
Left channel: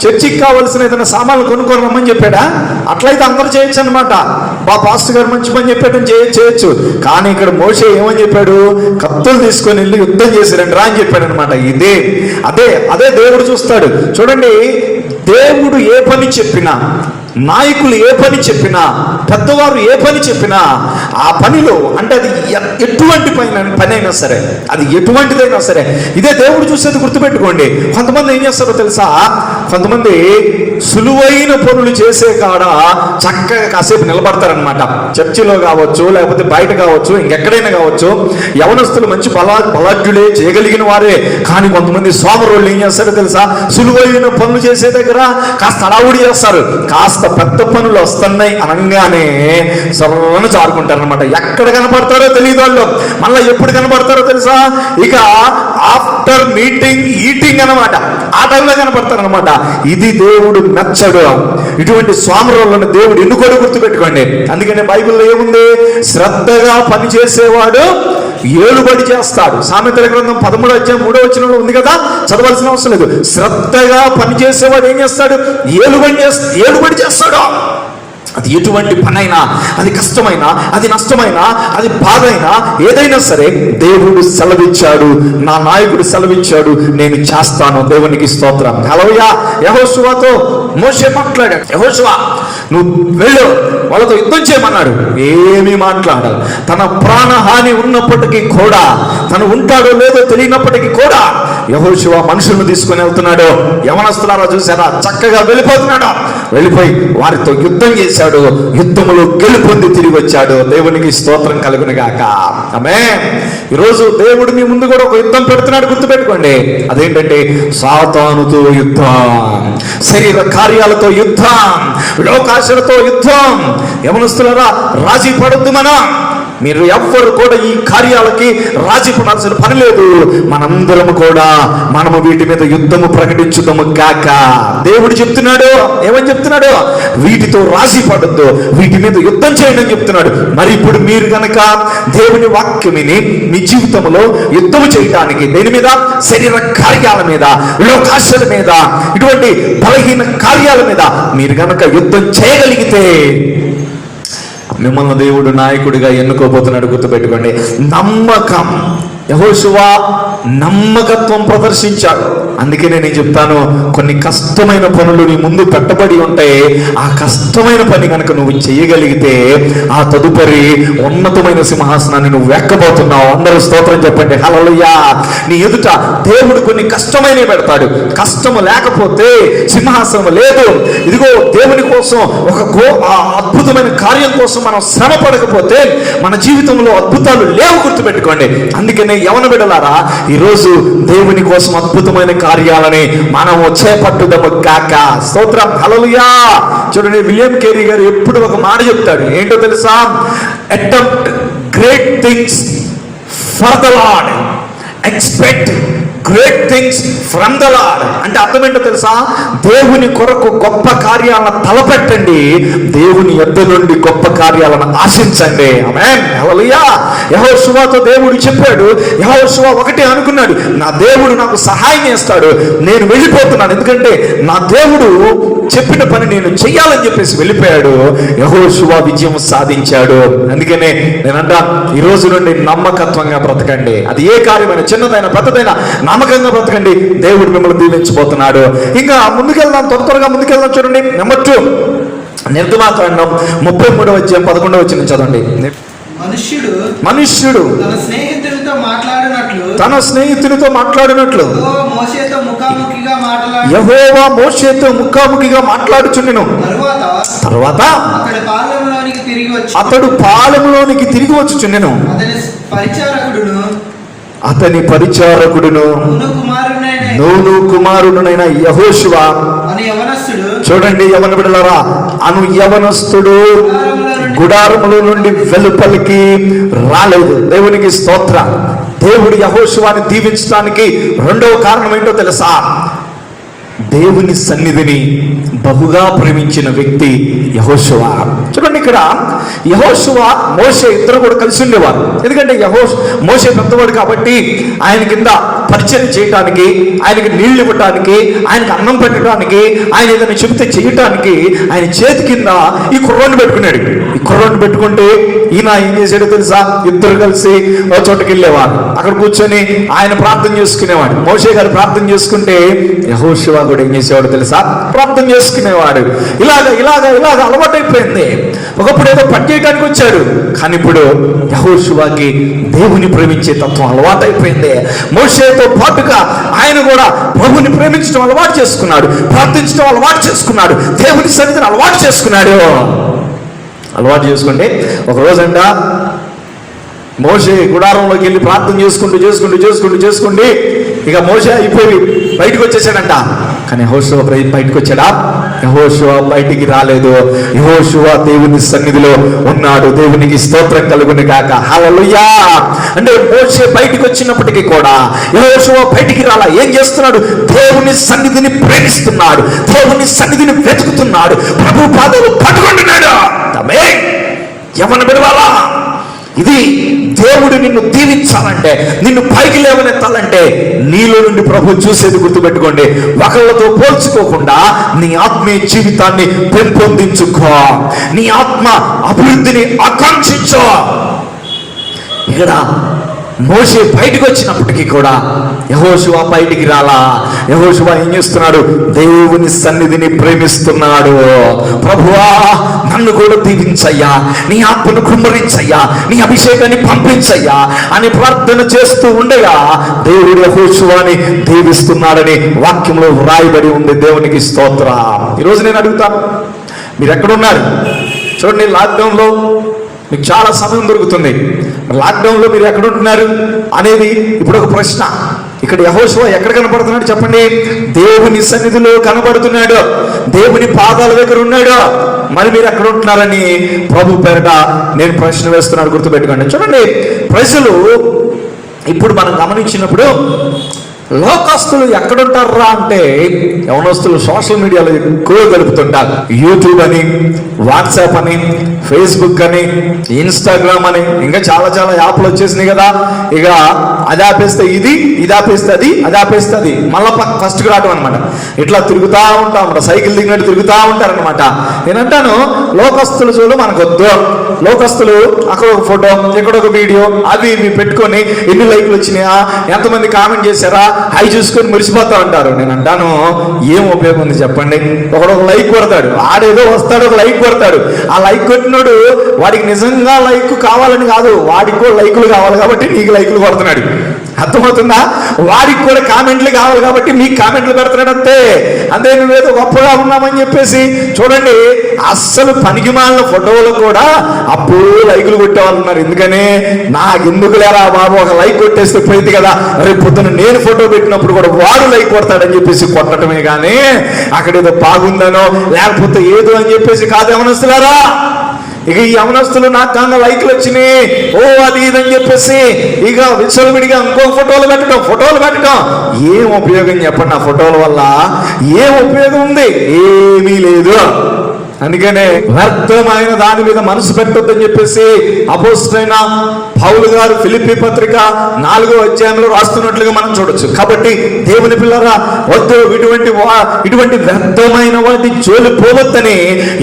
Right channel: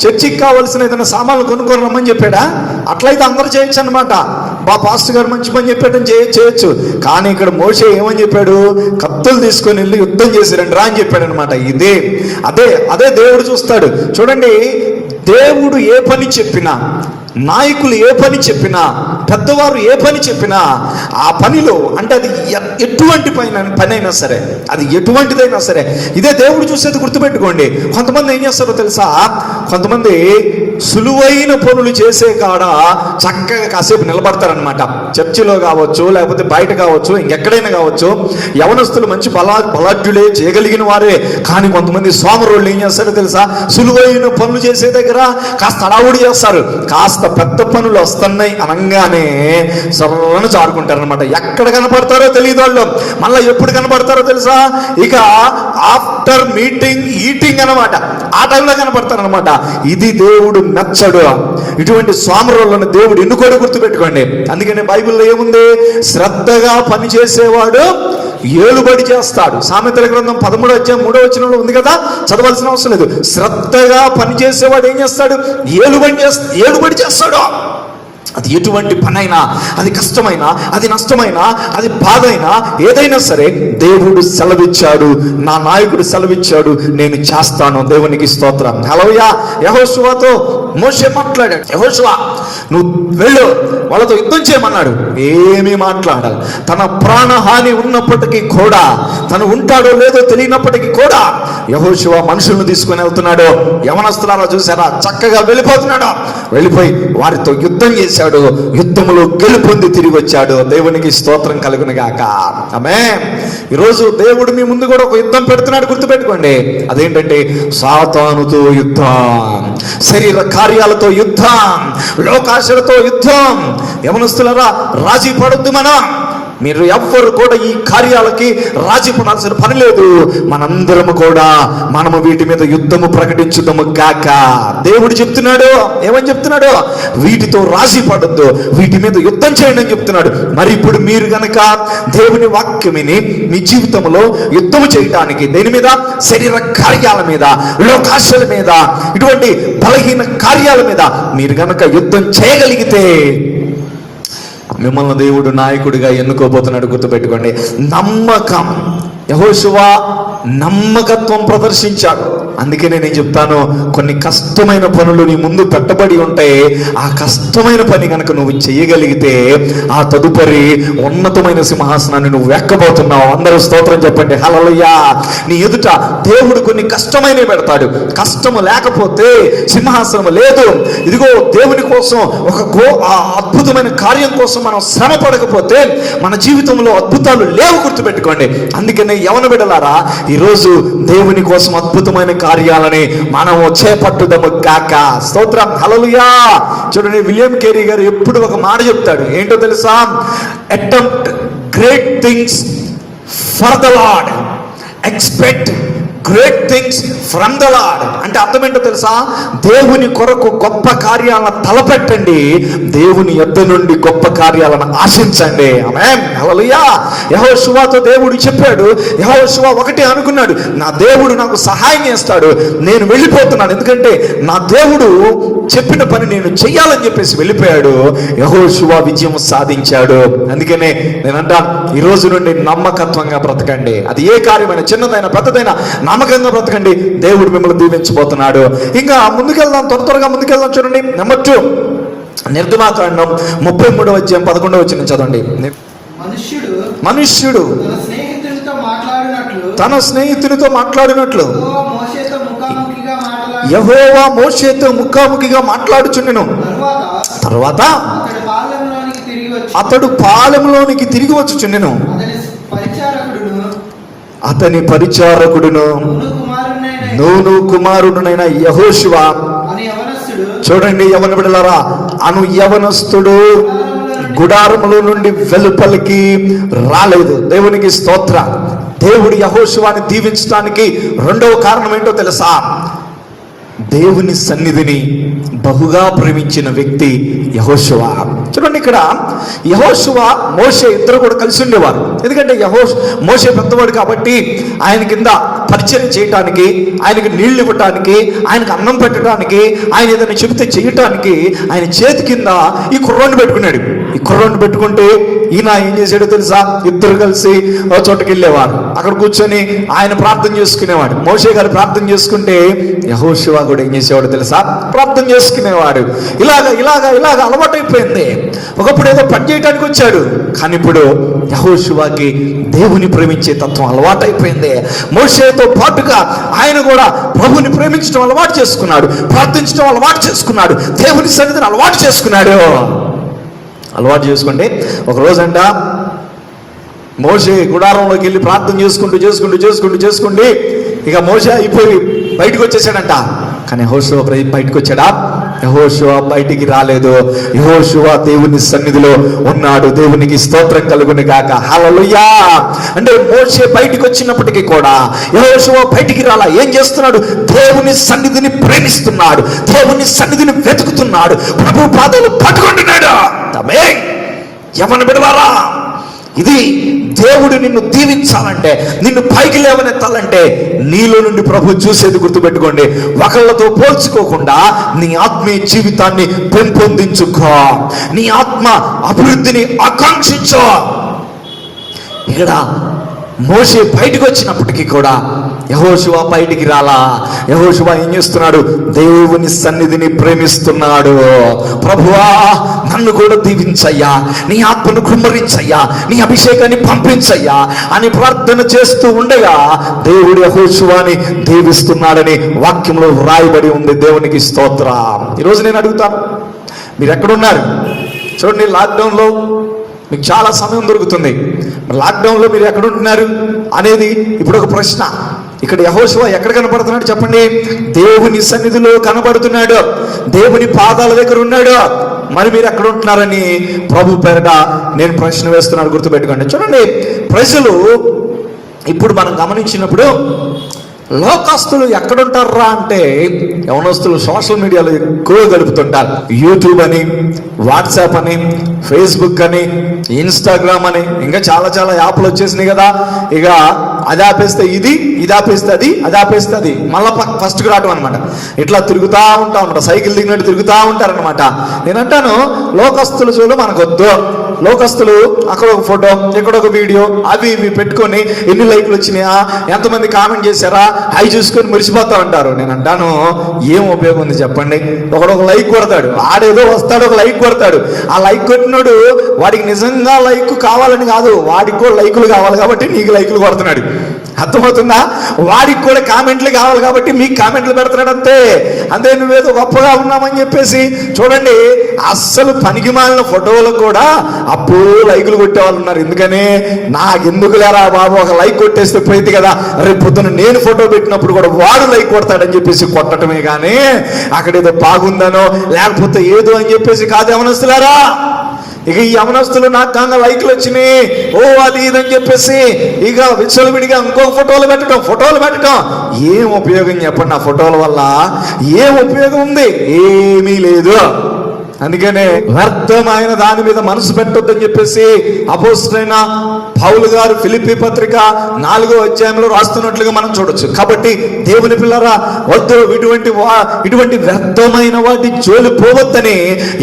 చర్చికి కావాల్సిన ఏదైనా సామాన్లు కొనుక్కొని రమ్మని చెప్పాడా? అట్లయితే అందరూ చేయొచ్చు అనమాట. పాస్టర్ గారు మంచి పని చెప్పాడని చేయొచ్చు. కానీ ఇక్కడ మోషే ఏమని చెప్పాడు? కత్తులు తీసుకొని వెళ్ళి యుద్ధం చేశారండి రా అని చెప్పాడు అనమాట. అదే దేవుడు చూస్తాడు. చూడండి, దేవుడు ఏ పని చెప్పినా, నాయకులు ఏ పని చెప్పినా, పెద్దవారు ఏ పని చెప్పినా ఆ పనిలో అంటే అది ఎటువంటి పని అయినా సరే, అది ఎటువంటిదైనా సరే, ఇదే దేవుడు చూసేది గుర్తుపెట్టుకోండి. కొంతమంది ఏం చేస్తారో తెలుసా? కొంతమంది సులువైన పనులు చేసే కాడ చక్కగా కాసేపు నిలబడతారనమాట. చర్చిలో కావచ్చు, లేకపోతే బయట కావచ్చు, ఇంకెక్కడైనా కావచ్చు. యవనస్తులు మంచి బలాఢ్యులే, చేయగలిగిన వారే. కానీ కొంతమంది సోమరులు ఏం చేస్తారో తెలుసా? సులువైన పనులు చేసే దగ్గర కాస్త హడావుడి చేస్తారు. కాస్త పెద్ద పనులు వస్తున్నాయి అనగానే సర్వను చారుకుంటారనమాట. ఎక్కడ కనపడతారో తెలియదు వాళ్ళు. మళ్ళీ ఎప్పుడు కనపడతారో తెలుసా? ఇక ఆఫ్టర్ మీటింగ్ ఈటింగ్ అనమాట, ఆ టైంలో కనపడతారనమాట. ఇది దేవుడు నచ్చడు. ఇటువంటి స్వామరులను దేవుడు ఎన్నుకోడు, గుర్తుపెట్టుకోండి. అందుకని బైబిల్లో ఏముంది? శ్రద్ధగా పని చేసేవాడు ఏలుబడి చేస్తాడు. సామెతల గ్రంథం 13:3 ఉంది కదా, చదవాల్సిన అవసరం లేదు. శ్రద్ధగా పని చేసేవాడు ఏం చేస్తాడు? ఏలుబడి చేస్తాడు. అది ఎటువంటి పనైనా, అది కష్టమైనా, అది నష్టమైనా, అది బాధైనా, ఏదైనా సరే దేవుడు సెలవిచ్చాడు, నా నాయకుడు సెలవిచ్చాడు, నేను చేస్తాను. దేవునికి స్తోత్రం. హల్లెలూయా. యెహోషువతో మోషే మాట్లాడాడు. యెహోషువ, నువ్వు వెళ్ళు, వాళ్ళతో యుద్ధం చేయమన్నాడు. ఏమీ మాట్లాడాలి. తన ప్రాణహాని ఉన్నప్పటికీ కూడా, తను ఉంటాడో లేదో తెలియనప్పటికీ కూడా యెహోషువ మనుషులను తీసుకొని వెళ్తున్నాడు. యవనస్తులారా చూసారా, చక్కగా వెళ్ళిపోతున్నాడు. వెళ్ళిపోయి వారితో యుద్ధం చేశాడు. యుద్ధములో గెలుపొంది తిరిగి వచ్చాడు. దేవునికి స్తోత్రం కలుగును గాక. ఆమేన్. ఈరోజు దేవుడు మీ ముందు కూడా ఒక యుద్ధం పెడుతున్నాడు, గుర్తుపెట్టుకోండి. అదేంటంటే సాతానుతో యుద్ధం, శరీర కార్యాలతో యుద్ధం, లోకాశలతో యుద్ధం. యవనస్తులారా, రాజీ పడొద్దు. మీరు ఎవ్వరు కూడా ఈ కార్యాలకి రాజీ పడాల్సిన పని లేదు. మనందరము కూడా మనము వీటి మీద యుద్ధము ప్రకటించుదాము గాక. దేవుడు చెప్తున్నాడు, ఏమని చెప్తున్నాడు? వీటితో రాజీ పడొద్దు, వీటి మీద యుద్ధం చేయండి అని చెప్తున్నాడు. మరి ఇప్పుడు మీరు కనుక దేవుని వాక్యం విని మీ జీవితంలో యుద్ధము చేయడానికి, దేని మీద? శరీర కార్యాల మీద, లోకాశల మీద, ఇటువంటి బలహీన కార్యాల మీద మీరు కనుక యుద్ధం చేయగలిగితే మిమ్మల్ని దేవుడు నాయకుడిగా ఎన్నుకోబోతున్నాడు. గుర్తుపెట్టుకోండి. నమ్మకం. యెహోషువ నమ్మకత్వం ప్రదర్శించాడు. అందుకే నేను చెప్తాను, కొన్ని కష్టమైన పనులు నీ ముందు పెట్టబడి ఉంటాయి. ఆ కష్టమైన పని కనుక నువ్వు చేయగలిగితే ఆ తదుపరి ఉన్నతమైన సింహాసనాన్ని నువ్వు ఎక్కబోతున్నావు. అందరూ స్తోత్రం చెప్పండి. హల్లెలూయా. నీ ఎదుట దేవుడు కొన్ని కష్టమైనవి పెడతాడు. కష్టము లేకపోతే సింహాసనం లేదు. ఇదిగో దేవుని కోసం అద్భుతమైన కార్యం కోసం మనం శ్రమ పడకపోతే మన జీవితంలో అద్భుతాలు లేవు. గుర్తుపెట్టుకోండి. అందుకనే యవన బిడ్డలారా, ఈరోజు దేవుని కోసం అద్భుతమైన కార్యాలని మనము చేపట్టుదాము కాక. స్తోత్రం. హల్లెలూయా. చూడండి, విలియం కేరీ గారు ఎప్పుడు ఒక మాట చెప్తాడు. ఏంటో తెలుసా? Attempt great things for the lord, expect great things from the lord. అంటే అర్థం ఏంటో తెలుసా? దేవుని కొరకు గొప్ప కార్యాలను తలపెట్టండి, దేవుని యొద్ద నుండి గొప్ప కార్యాలను ఆశించండి. ఆమేన్. హల్లెలూయా. యెహోషువతో దేవుడు చెప్పాడు. యెహోషువ ఒకటే అనుకున్నాడు, నా దేవుడు నాకు సహాయం చేస్తాడు, నేను వెళ్ళిపోతున్నాను, ఎందుకంటే నా దేవుడు చెప్పిన పని నేను చెయ్యాలని చెప్పేసి వెళ్ళిపోయాడు. యెహోషువ విజయం సాధించాడు. అందుకనే నేను అంటాను, ఈ రోజు నుండి నమ్మకత్వంగా బ్రతకండి. అది ఏ కార్యమైనా, చిన్నదైనా పెద్దదైనా నమ్మకంగా బ్రతకండి. దేవుడు మిమ్మల్ని దీవించబోతున్నాడు. ఇంకా ముందుకెళ్దాం, త్వరగా ముందుకెళ్దాం. చూడండి, నెంబర్ 2, నిర్గమాకాండం 33:11 చదవండి. మనుష్యుడు తన స్నేహితునితో మాట్లాడినట్లు యెహోవా మోషేతో ముఖాముఖిగా మాట్లాడుచుండెను. తర్వాత అతడు పాలెములోనికి తిరిగి వచ్చుచుండెను. అతని పరిచారకుడును నూను కుమారుడునైన యెహోషువ. చూడండి, యవన బిడ్డలారా, యవనస్తుడు గుడారములో నుండి వెలుపలికి రాలేదు. దేవునికి స్తోత్రం. దేవుడు యెహోషువని దీవించడానికి రెండవ కారణం ఏంటో తెలుసా? దేవుని సన్నిధిని బహుగా ప్రేమించిన వ్యక్తి యెహోషువ. చూడండి, ఇక్కడ యెహోషువ మోషే ఇద్దరు కూడా కలిసి ఉండేవారు. ఎందుకంటే మోషే పెద్దవాడు కాబట్టి ఆయన కింద పరిచయం చేయటానికి, ఆయనకి నీళ్లు ఇవ్వటానికి, ఆయనకి అన్నం పెట్టడానికి, ఆయన ఏదైనా చెబితే చేయటానికి ఆయన చేతి కింద ఈ కుర్రాన్ని పెట్టుకున్నాడు. ఈ కుర్రాన్ని పెట్టుకుంటే ఈయన ఏం చేశాడో తెలుసా? ఇద్దరు కలిసి ఒక చోటుకి వెళ్ళేవారు. అక్కడ కూర్చొని ఆయన ప్రార్థన చేసుకునేవాడు. మోషే గారు ప్రార్థన చేసుకుంటే యెహోషువ కూడా ఏం చేసేవాడు తెలుసా? ప్రార్థన చేసుకునేవాడు. ఇలాగ అలవాటైపోయింది. ఒకప్పుడు ఏదో పని చేయడానికి వచ్చాడు, కానీ ఇప్పుడు యెహోషువకి దేవుని ప్రేమించే తత్వం అలవాటైపోయింది. మోషేతో పాటుగా ఆయన కూడా ప్రభుని ప్రేమించడం అలవాటు చేసుకున్నాడు, ప్రార్థించడం అలవాటు చేసుకున్నాడు, దేవుని సన్నిధిని అలవాటు చేసుకున్నాడు. అలవాటు చేసుకుంటే ఒక రోజంట మోషే గుడారంలోకి వెళ్ళి ప్రార్థన చేసుకుంటూ ఇక మోషే అయిపోయి బయటకు వచ్చేసాడంట. కానీ యెహోషువ బయటకు వచ్చాడా? యెహోషువ బయటికి రాలేదు. యెహోషువ దేవుని సన్నిధిలో ఉన్నాడు. దేవునికి స్తోత్రం కలుగును గాక. హల్లెలూయా. అంటే మోషే బయటికి వచ్చినప్పటికీ కూడా యెహోషువ బయటికి రాలా. ఏం చేస్తున్నాడు? దేవుని సన్నిధిని ప్రేమిస్తున్నాడు, దేవుని సన్నిధిని వెతుకుతున్నాడు, ప్రభు పాదాలు పట్టుకుంటున్నాడు. ఎవరిని విడవాలా? ఇది దేవుడు నిన్ను దీవించాలంటే, నిన్ను పైకి లేవనెత్తాలంటే నీలో నుండి ప్రభు చూసేది గుర్తుపెట్టుకోండి. ఒకళ్ళతో పోల్చుకోకుండా నీ ఆత్మీయ జీవితాన్ని పెంపొందించుకో, నీ ఆత్మ అభివృద్ధిని ఆకాంక్షించో. ఇక్కడ మోషే బయటకు వచ్చినప్పటికీ కూడా యెహోషువ బయటికి రాలా. యెహోషువ ఏం చేస్తున్నాడు? దేవుని సన్నిధిని ప్రేమిస్తున్నాడు. ప్రభువా, నన్ను కూడా దీవించయ్యా, నీ ఆత్మను కుమ్మరించయ్యా, నీ అభిషేకాన్ని పంపించయ్యా అని ప్రార్థన చేస్తూ ఉండగా దేవుడు యెహోషువని దీవిస్తున్నాడని వాక్యంలో వ్రాయబడి ఉంది. దేవునికి స్తోత్రం. ఈరోజు నేను అడుగుతాను, మీరు ఎక్కడున్నారు? చూడండి, లాక్డౌన్లో మీకు చాలా సమయం దొరుకుతుంది. లాక్డౌన్లో మీరు ఎక్కడ ఉంటున్నారు అనేది ఇప్పుడు ఒక ప్రశ్న. ఇక్కడ యెహోషువ ఎక్కడ కనపడుతున్నాడు చెప్పండి? దేవుని సన్నిధిలో కనబడుతున్నాడు, దేవుని పాదాల దగ్గర ఉన్నాడు. మరి మీరు ఎక్కడ ఉంటున్నారని ప్రభు పేరట నేను ప్రశ్న వేస్తున్నాను, గుర్తుపెట్టుకోండి. చూడండి, ప్రజలు ఇప్పుడు మనం గమనించినప్పుడు లోకస్తులు ఎక్కడుంటారా అంటే, యవనస్తులు సోషల్ మీడియాలో ఎక్కువ గడుపుతుంటారు. యూట్యూబ్ అని, వాట్సాప్ అని, ఫేస్బుక్ అని, ఇన్స్టాగ్రామ్ అని, ఇంకా చాలా యాప్లు వచ్చేసినాయి కదా. ఇక అది ఆపేస్తే ఇది, ఇది ఆపేస్తే అది, అది ఆపేస్తే అది, మళ్ళీ ఫస్ట్కి రావడం అనమాట. ఇట్లా తిరుగుతూ ఉంటాం అన్నమాట, సైకిల్ దిగినట్టు తిరుగుతూ ఉంటారనమాట. నేనంటాను, లోకస్తులు చూడు మనకొద్దు. లోకస్తులు అక్కడ ఒక ఫోటో, ఇక్కడ ఒక వీడియో, అవి ఇవి పెట్టుకొని ఎన్ని లైక్లు వచ్చినాయా, ఎంతమంది కామెంట్ చేశారా, అవి చూసుకొని మురిసిపోతా ఉంటారు. నేను అంటాను, ఏం ఉపయోగం ఉంది చెప్పండి? ఒకడు లైక్ కొడతాడు, ఆడేదో వస్తాడు, ఒక లైక్ కొడతాడు. ఆ లైక్ కొట్టినాడు వాడికి నిజంగా లైక్ కావాలని కాదు, వాడికి కూడా లైకులు కావాలి కాబట్టి నీకు లైకులు కొడుతున్నాడు. అర్థమవుతుందా? వాడికి కూడా కామెంట్లు కావాలి కాబట్టి నీకు కామెంట్లు పెడుతున్నాడు. అంతే నువ్వేదో గొప్పగా ఉన్నామని చెప్పేసి. చూడండి, అస్సలు పనికిమాలిన ఫోటోలు కూడా అప్పుడు లైకులు కొట్టేవాళ్ళు ఉన్నారు. ఎందుకని? నాకు ఎందుకు లేరా బాబు, ఒక లైక్ కొట్టేస్తే పోయింది కదా, రేపు పొద్దున నేను ఫోటో పెట్టినప్పుడు కూడా వాడు లైక్ కొడతాడని చెప్పేసి కొట్టడమే కానీ అక్కడ ఏదో బాగుందనో లేకపోతే ఏదో అని చెప్పేసి కాదు. యవనస్తులారా, ఇక ఈ యవనస్తులు నాకు కన్నా లైక్లు వచ్చినాయి, ఓ అది ఇదని చెప్పేసి ఇక విచ్చలవిడిగా ఇంకో ఫోటోలు పెట్టడం ఏం ఉపయోగం చెప్పండి? ఆ ఫోటోల వల్ల ఏం ఉపయోగం ఉంది? ఏమీ లేదు. అందుకనే వ్యర్థమైన దాని మీద మనసు పెట్టొద్దని చెప్పేసి అపోస్తలుడైన పౌలు గారు ఫిలిప్పీ పత్రిక 4వ అధ్యాయంలో రాస్తున్నట్లుగా మనం చూడొచ్చు. కాబట్టి దేవుని పిల్లరా, వద్దు, ఇటువంటి వ్యర్థమైన వాటి జోలి పోవద్దని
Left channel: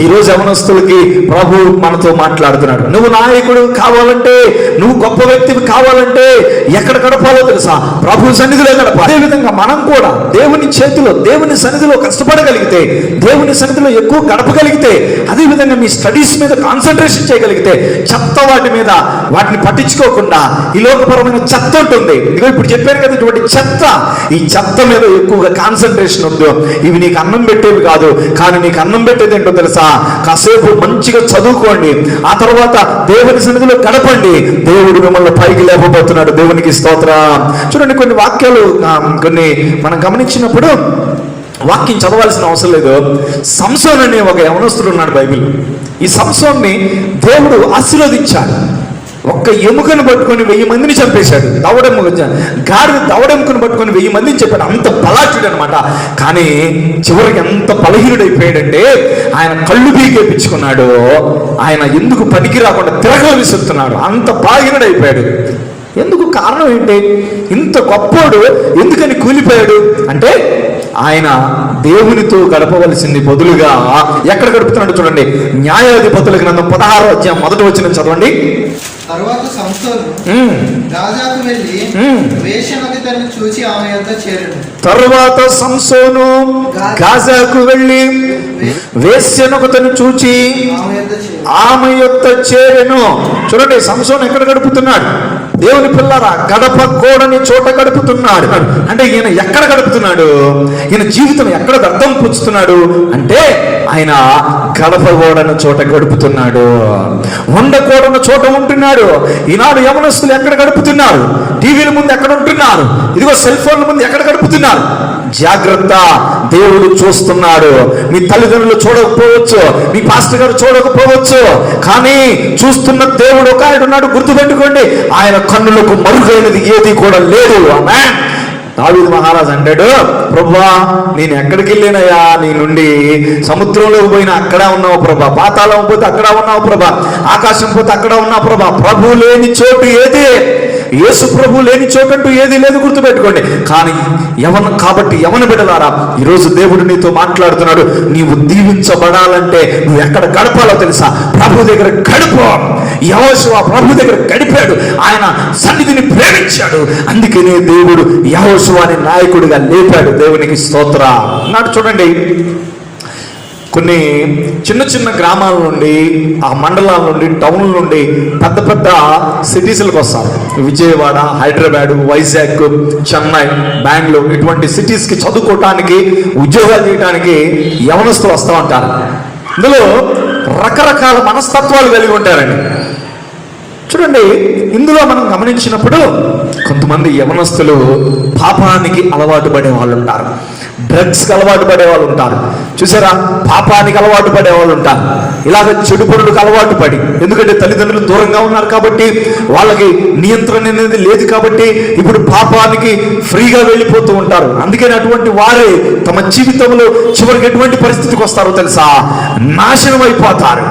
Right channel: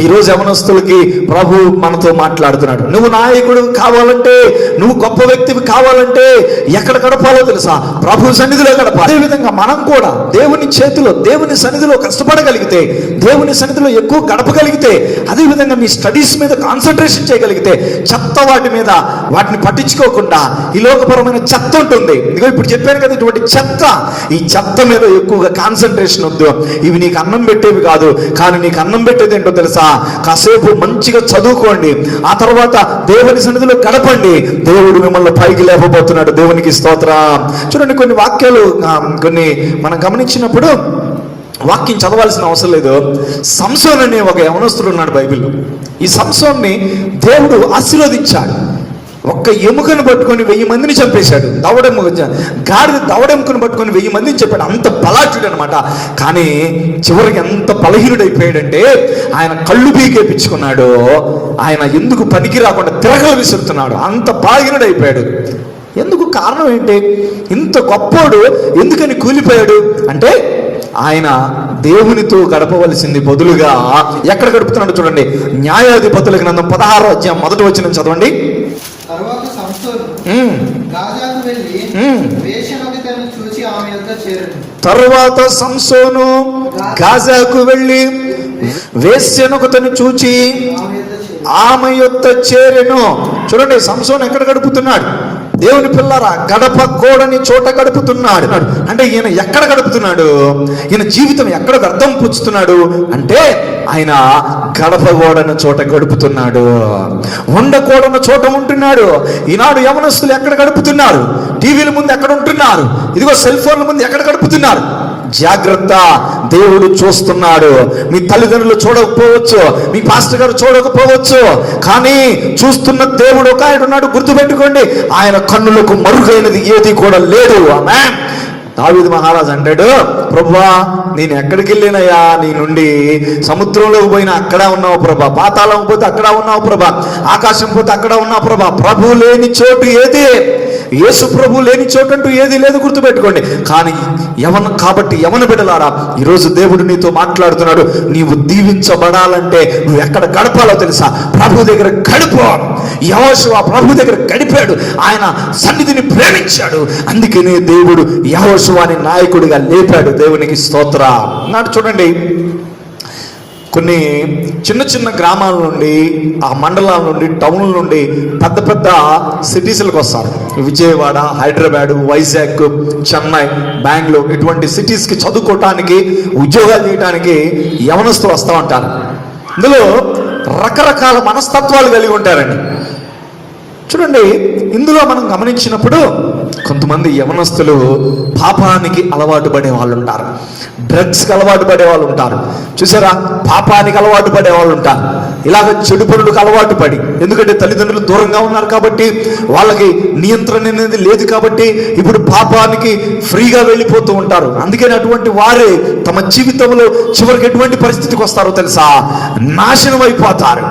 ఈరోజు యవనస్తులకి ప్రభు మనతో మాట్లాడుతున్నాడు. నువ్వు నాయకుడు కావాలంటే, నువ్వు గొప్ప వ్యక్తివి కావాలంటే ఎక్కడ గడపాలో తెలుసా? ప్రభు సన్నిధిలో గడపాలి. అదేవిధంగా మనం కూడా దేవుని చేతిలో, దేవుని సన్నిధిలో కష్టపడగలిగితే, దేవుని సన్నిధిలో ఎక్కువ గడపగలిగితే, అదేవిధంగా నీ స్టడీస్ మీద కాన్సన్ట్రేషన్ చేయగలిగితే, చెత్త వాటిని పట్టించుకోకుండా, ఈ లోకపరమైన చెత్త ఉంటుంది. ఇప్పుడు చెప్పాను కదా, ఇటువంటి చెత్త, ఈ చెత్త మీద ఎక్కువగా కాన్సన్ట్రేషన్ వద్దు. ఇవి నీకు అన్నం పెట్టేవి కాదు, కానీ నీకు అన్నం పెట్టేది ఏంటో తెలుసా? కాసేపు మంచిగా చదువుకోండి, ఆ తర్వాత దేవుని సన్నిధిలో గడపండి. దేవుడు మిమ్మల్ని పైకి లేపబోతున్నాడు. దేవునికి స్తోత్రం. చూడండి, కొన్ని వాక్యాలు కొన్ని మనం గమనించినప్పుడు వాక్యం చదవాల్సిన అవసరం లేదు. సంసోను అనే ఒక యవనస్తుడు ఉన్నాడు బైబిల్. ఈ సంసోన్ని దేవుడు ఆశీర్వదించాడు. ఒక్క ఎముకను పట్టుకొని 1000 మందిని చంపేశాడు. గాడిద దవడెముకను పట్టుకొని 1000 మందిని చెప్పాడు. అంత బలాఢ్యుడు అనమాట. కానీ చివరికి ఎంత బలహీనుడైపోయాడంటే, ఆయన కళ్ళు పీకేపించుకున్నాడు. ఆయన ఎందుకు పనికి రాకుండా తిరగలు విసురుతున్నాడు. అంత బలహీనుడైపోయాడు. ఎందుకు? కారణం ఏంటి? ఇంత గొప్పోడు ఎందుకని కూలిపోయాడు అంటే, ఆయన దేవునితో గడపవలసింది బదులుగా ఎక్కడ గడుపుతున్నాడు చూడండి. న్యాయాధిపతుల గ్రంథం 16వ అధ్యాయం 1వ వచనం చదవండి. తరువాత సంసోను గాజాకు వెళ్ళి వేశ్యనొకతను చూచి ఆమె యొద్ద చేరెను. తరువాత సంసోను గాజాకు వెళ్ళి వేశ్యనొకతను చూచి ఆమె యొద్ద చేరెను. చూడండి, సంసోను ఎక్కడ గడుపుతున్నాడు? దేవుని పిల్లరా, గడప గోడని చోట గడుపుతున్నాడు. అంటే ఈయన ఎక్కడ గడుపుతున్నాడు? ఈయన జీవితం ఎక్కడ అర్థం పుచ్చుతున్నాడు అంటే ఆయన గడప గోడని చోట గడుపుతున్నాడు, ఉండకూడని చోట ఉంటున్నాడు. ఈనాడు యవనస్తులు ఎక్కడ గడుపుతున్నారు? టీవీల ముందు ఎక్కడ ఉంటున్నారు? ఇదిగో సెల్ ఫోన్ల ముందు ఎక్కడ గడుపుతున్నారు? జాగ్రత్త, దేవుడు చూస్తున్నాడు. మీ తల్లిదండ్రులు చూడకపోవచ్చు, మీ పాస్టర్ గారు చూడకపోవచ్చు, కానీ చూస్తున్న దేవుడు ఒక ఆయన ఉన్నాడు. గుర్తుపెట్టుకోండి, ఆయన కన్నులకు మరుగైనది ఏది కూడా లేదు. ఆమేన్. దావీదు మహారాజు అంటాడు, ప్రభువా నేను ఎక్కడికి వెళ్ళినయా నీ నుండి? సముద్రంలోకి పోయినా అక్కడ ఉన్నావు ప్రభా, పాతాళం పోతే అక్కడ ఉన్నావు ప్రభా, ఆకాశం పోతే అక్కడ ఉన్నావు ప్రభా. ప్రభు లేని చోటు ఏది? యేసు ప్రభు లేని చోటు అంటూ ఏది లేదు, గుర్తుపెట్టుకోండి. కానీ కాబట్టి యవన బిడ్డలారా, ఈరోజు దేవుడు నీతో మాట్లాడుతున్నాడు. నీవు దీవించబడాలంటే నువ్వు ఎక్కడ గడపాలో తెలుసా? ప్రభు దగ్గర గడుపు. యెహోషువ ప్రభు దగ్గర గడిపాడు, ఆయన సన్నిధిని ప్రేమించాడు. అందుకనే దేవుడు యెహోషువని నాయకుడిగా లేపాడు. దేవునికి స్తోత్ర. నాడు చూడండి, కొన్ని చిన్న చిన్న గ్రామాల నుండి, ఆ మండలాల నుండి, టౌన్ల నుండి పెద్ద పెద్ద సిటీస్లకు వస్తారు. విజయవాడ, హైదరాబాద్, వైజాగ్, చెన్నై, బెంగళూరు ఇటువంటి సిటీస్కి చదువుకోవటానికి, ఉద్యోగాలు చేయడానికి యవనస్తులు వస్తూ ఉంటారు. ఇందులో రకరకాల మనస్తత్వాలు కలిగి ఉంటారండి. చూడండి, ఇందులో మనం గమనించినప్పుడు కొంతమంది యవనస్తులు పాపానికి అలవాటు పడే వాళ్ళు ఉంటారు, డ్రగ్స్కి అలవాటు పడే వాళ్ళు ఉంటారు. చూసారా, పాపానికి అలవాటు పడే వాళ్ళు ఉంటారు. ఇలాగ చెడు పనులకు అలవాటు పడి, ఎందుకంటే తల్లిదండ్రులు దూరంగా ఉన్నారు కాబట్టి, వాళ్ళకి నియంత్రణ అనేది లేదు కాబట్టి ఇప్పుడు పాపానికి ఫ్రీగా వెళ్ళిపోతూ ఉంటారు. అందుకని అటువంటి వారే తమ జీవితంలో చివరికి ఎటువంటి పరిస్థితికి వస్తారో తెలుసా? నాశనం అయిపోతారు,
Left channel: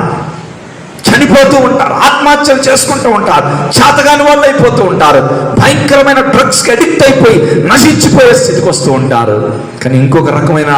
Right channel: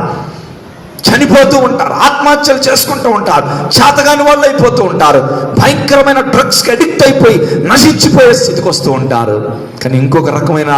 చనిపోతూ ఉంటారు, ఆత్మహత్యలు చేసుకుంటూ ఉంటారు, చేతగాని వాళ్ళు అయిపోతూ ఉంటారు, భయంకరమైన డ్రగ్స్కి అడిక్ట్ అయిపోయి నశించిపోయే స్థితికి వస్తూ ఉంటారు. కానీ ఇంకొక రకమైన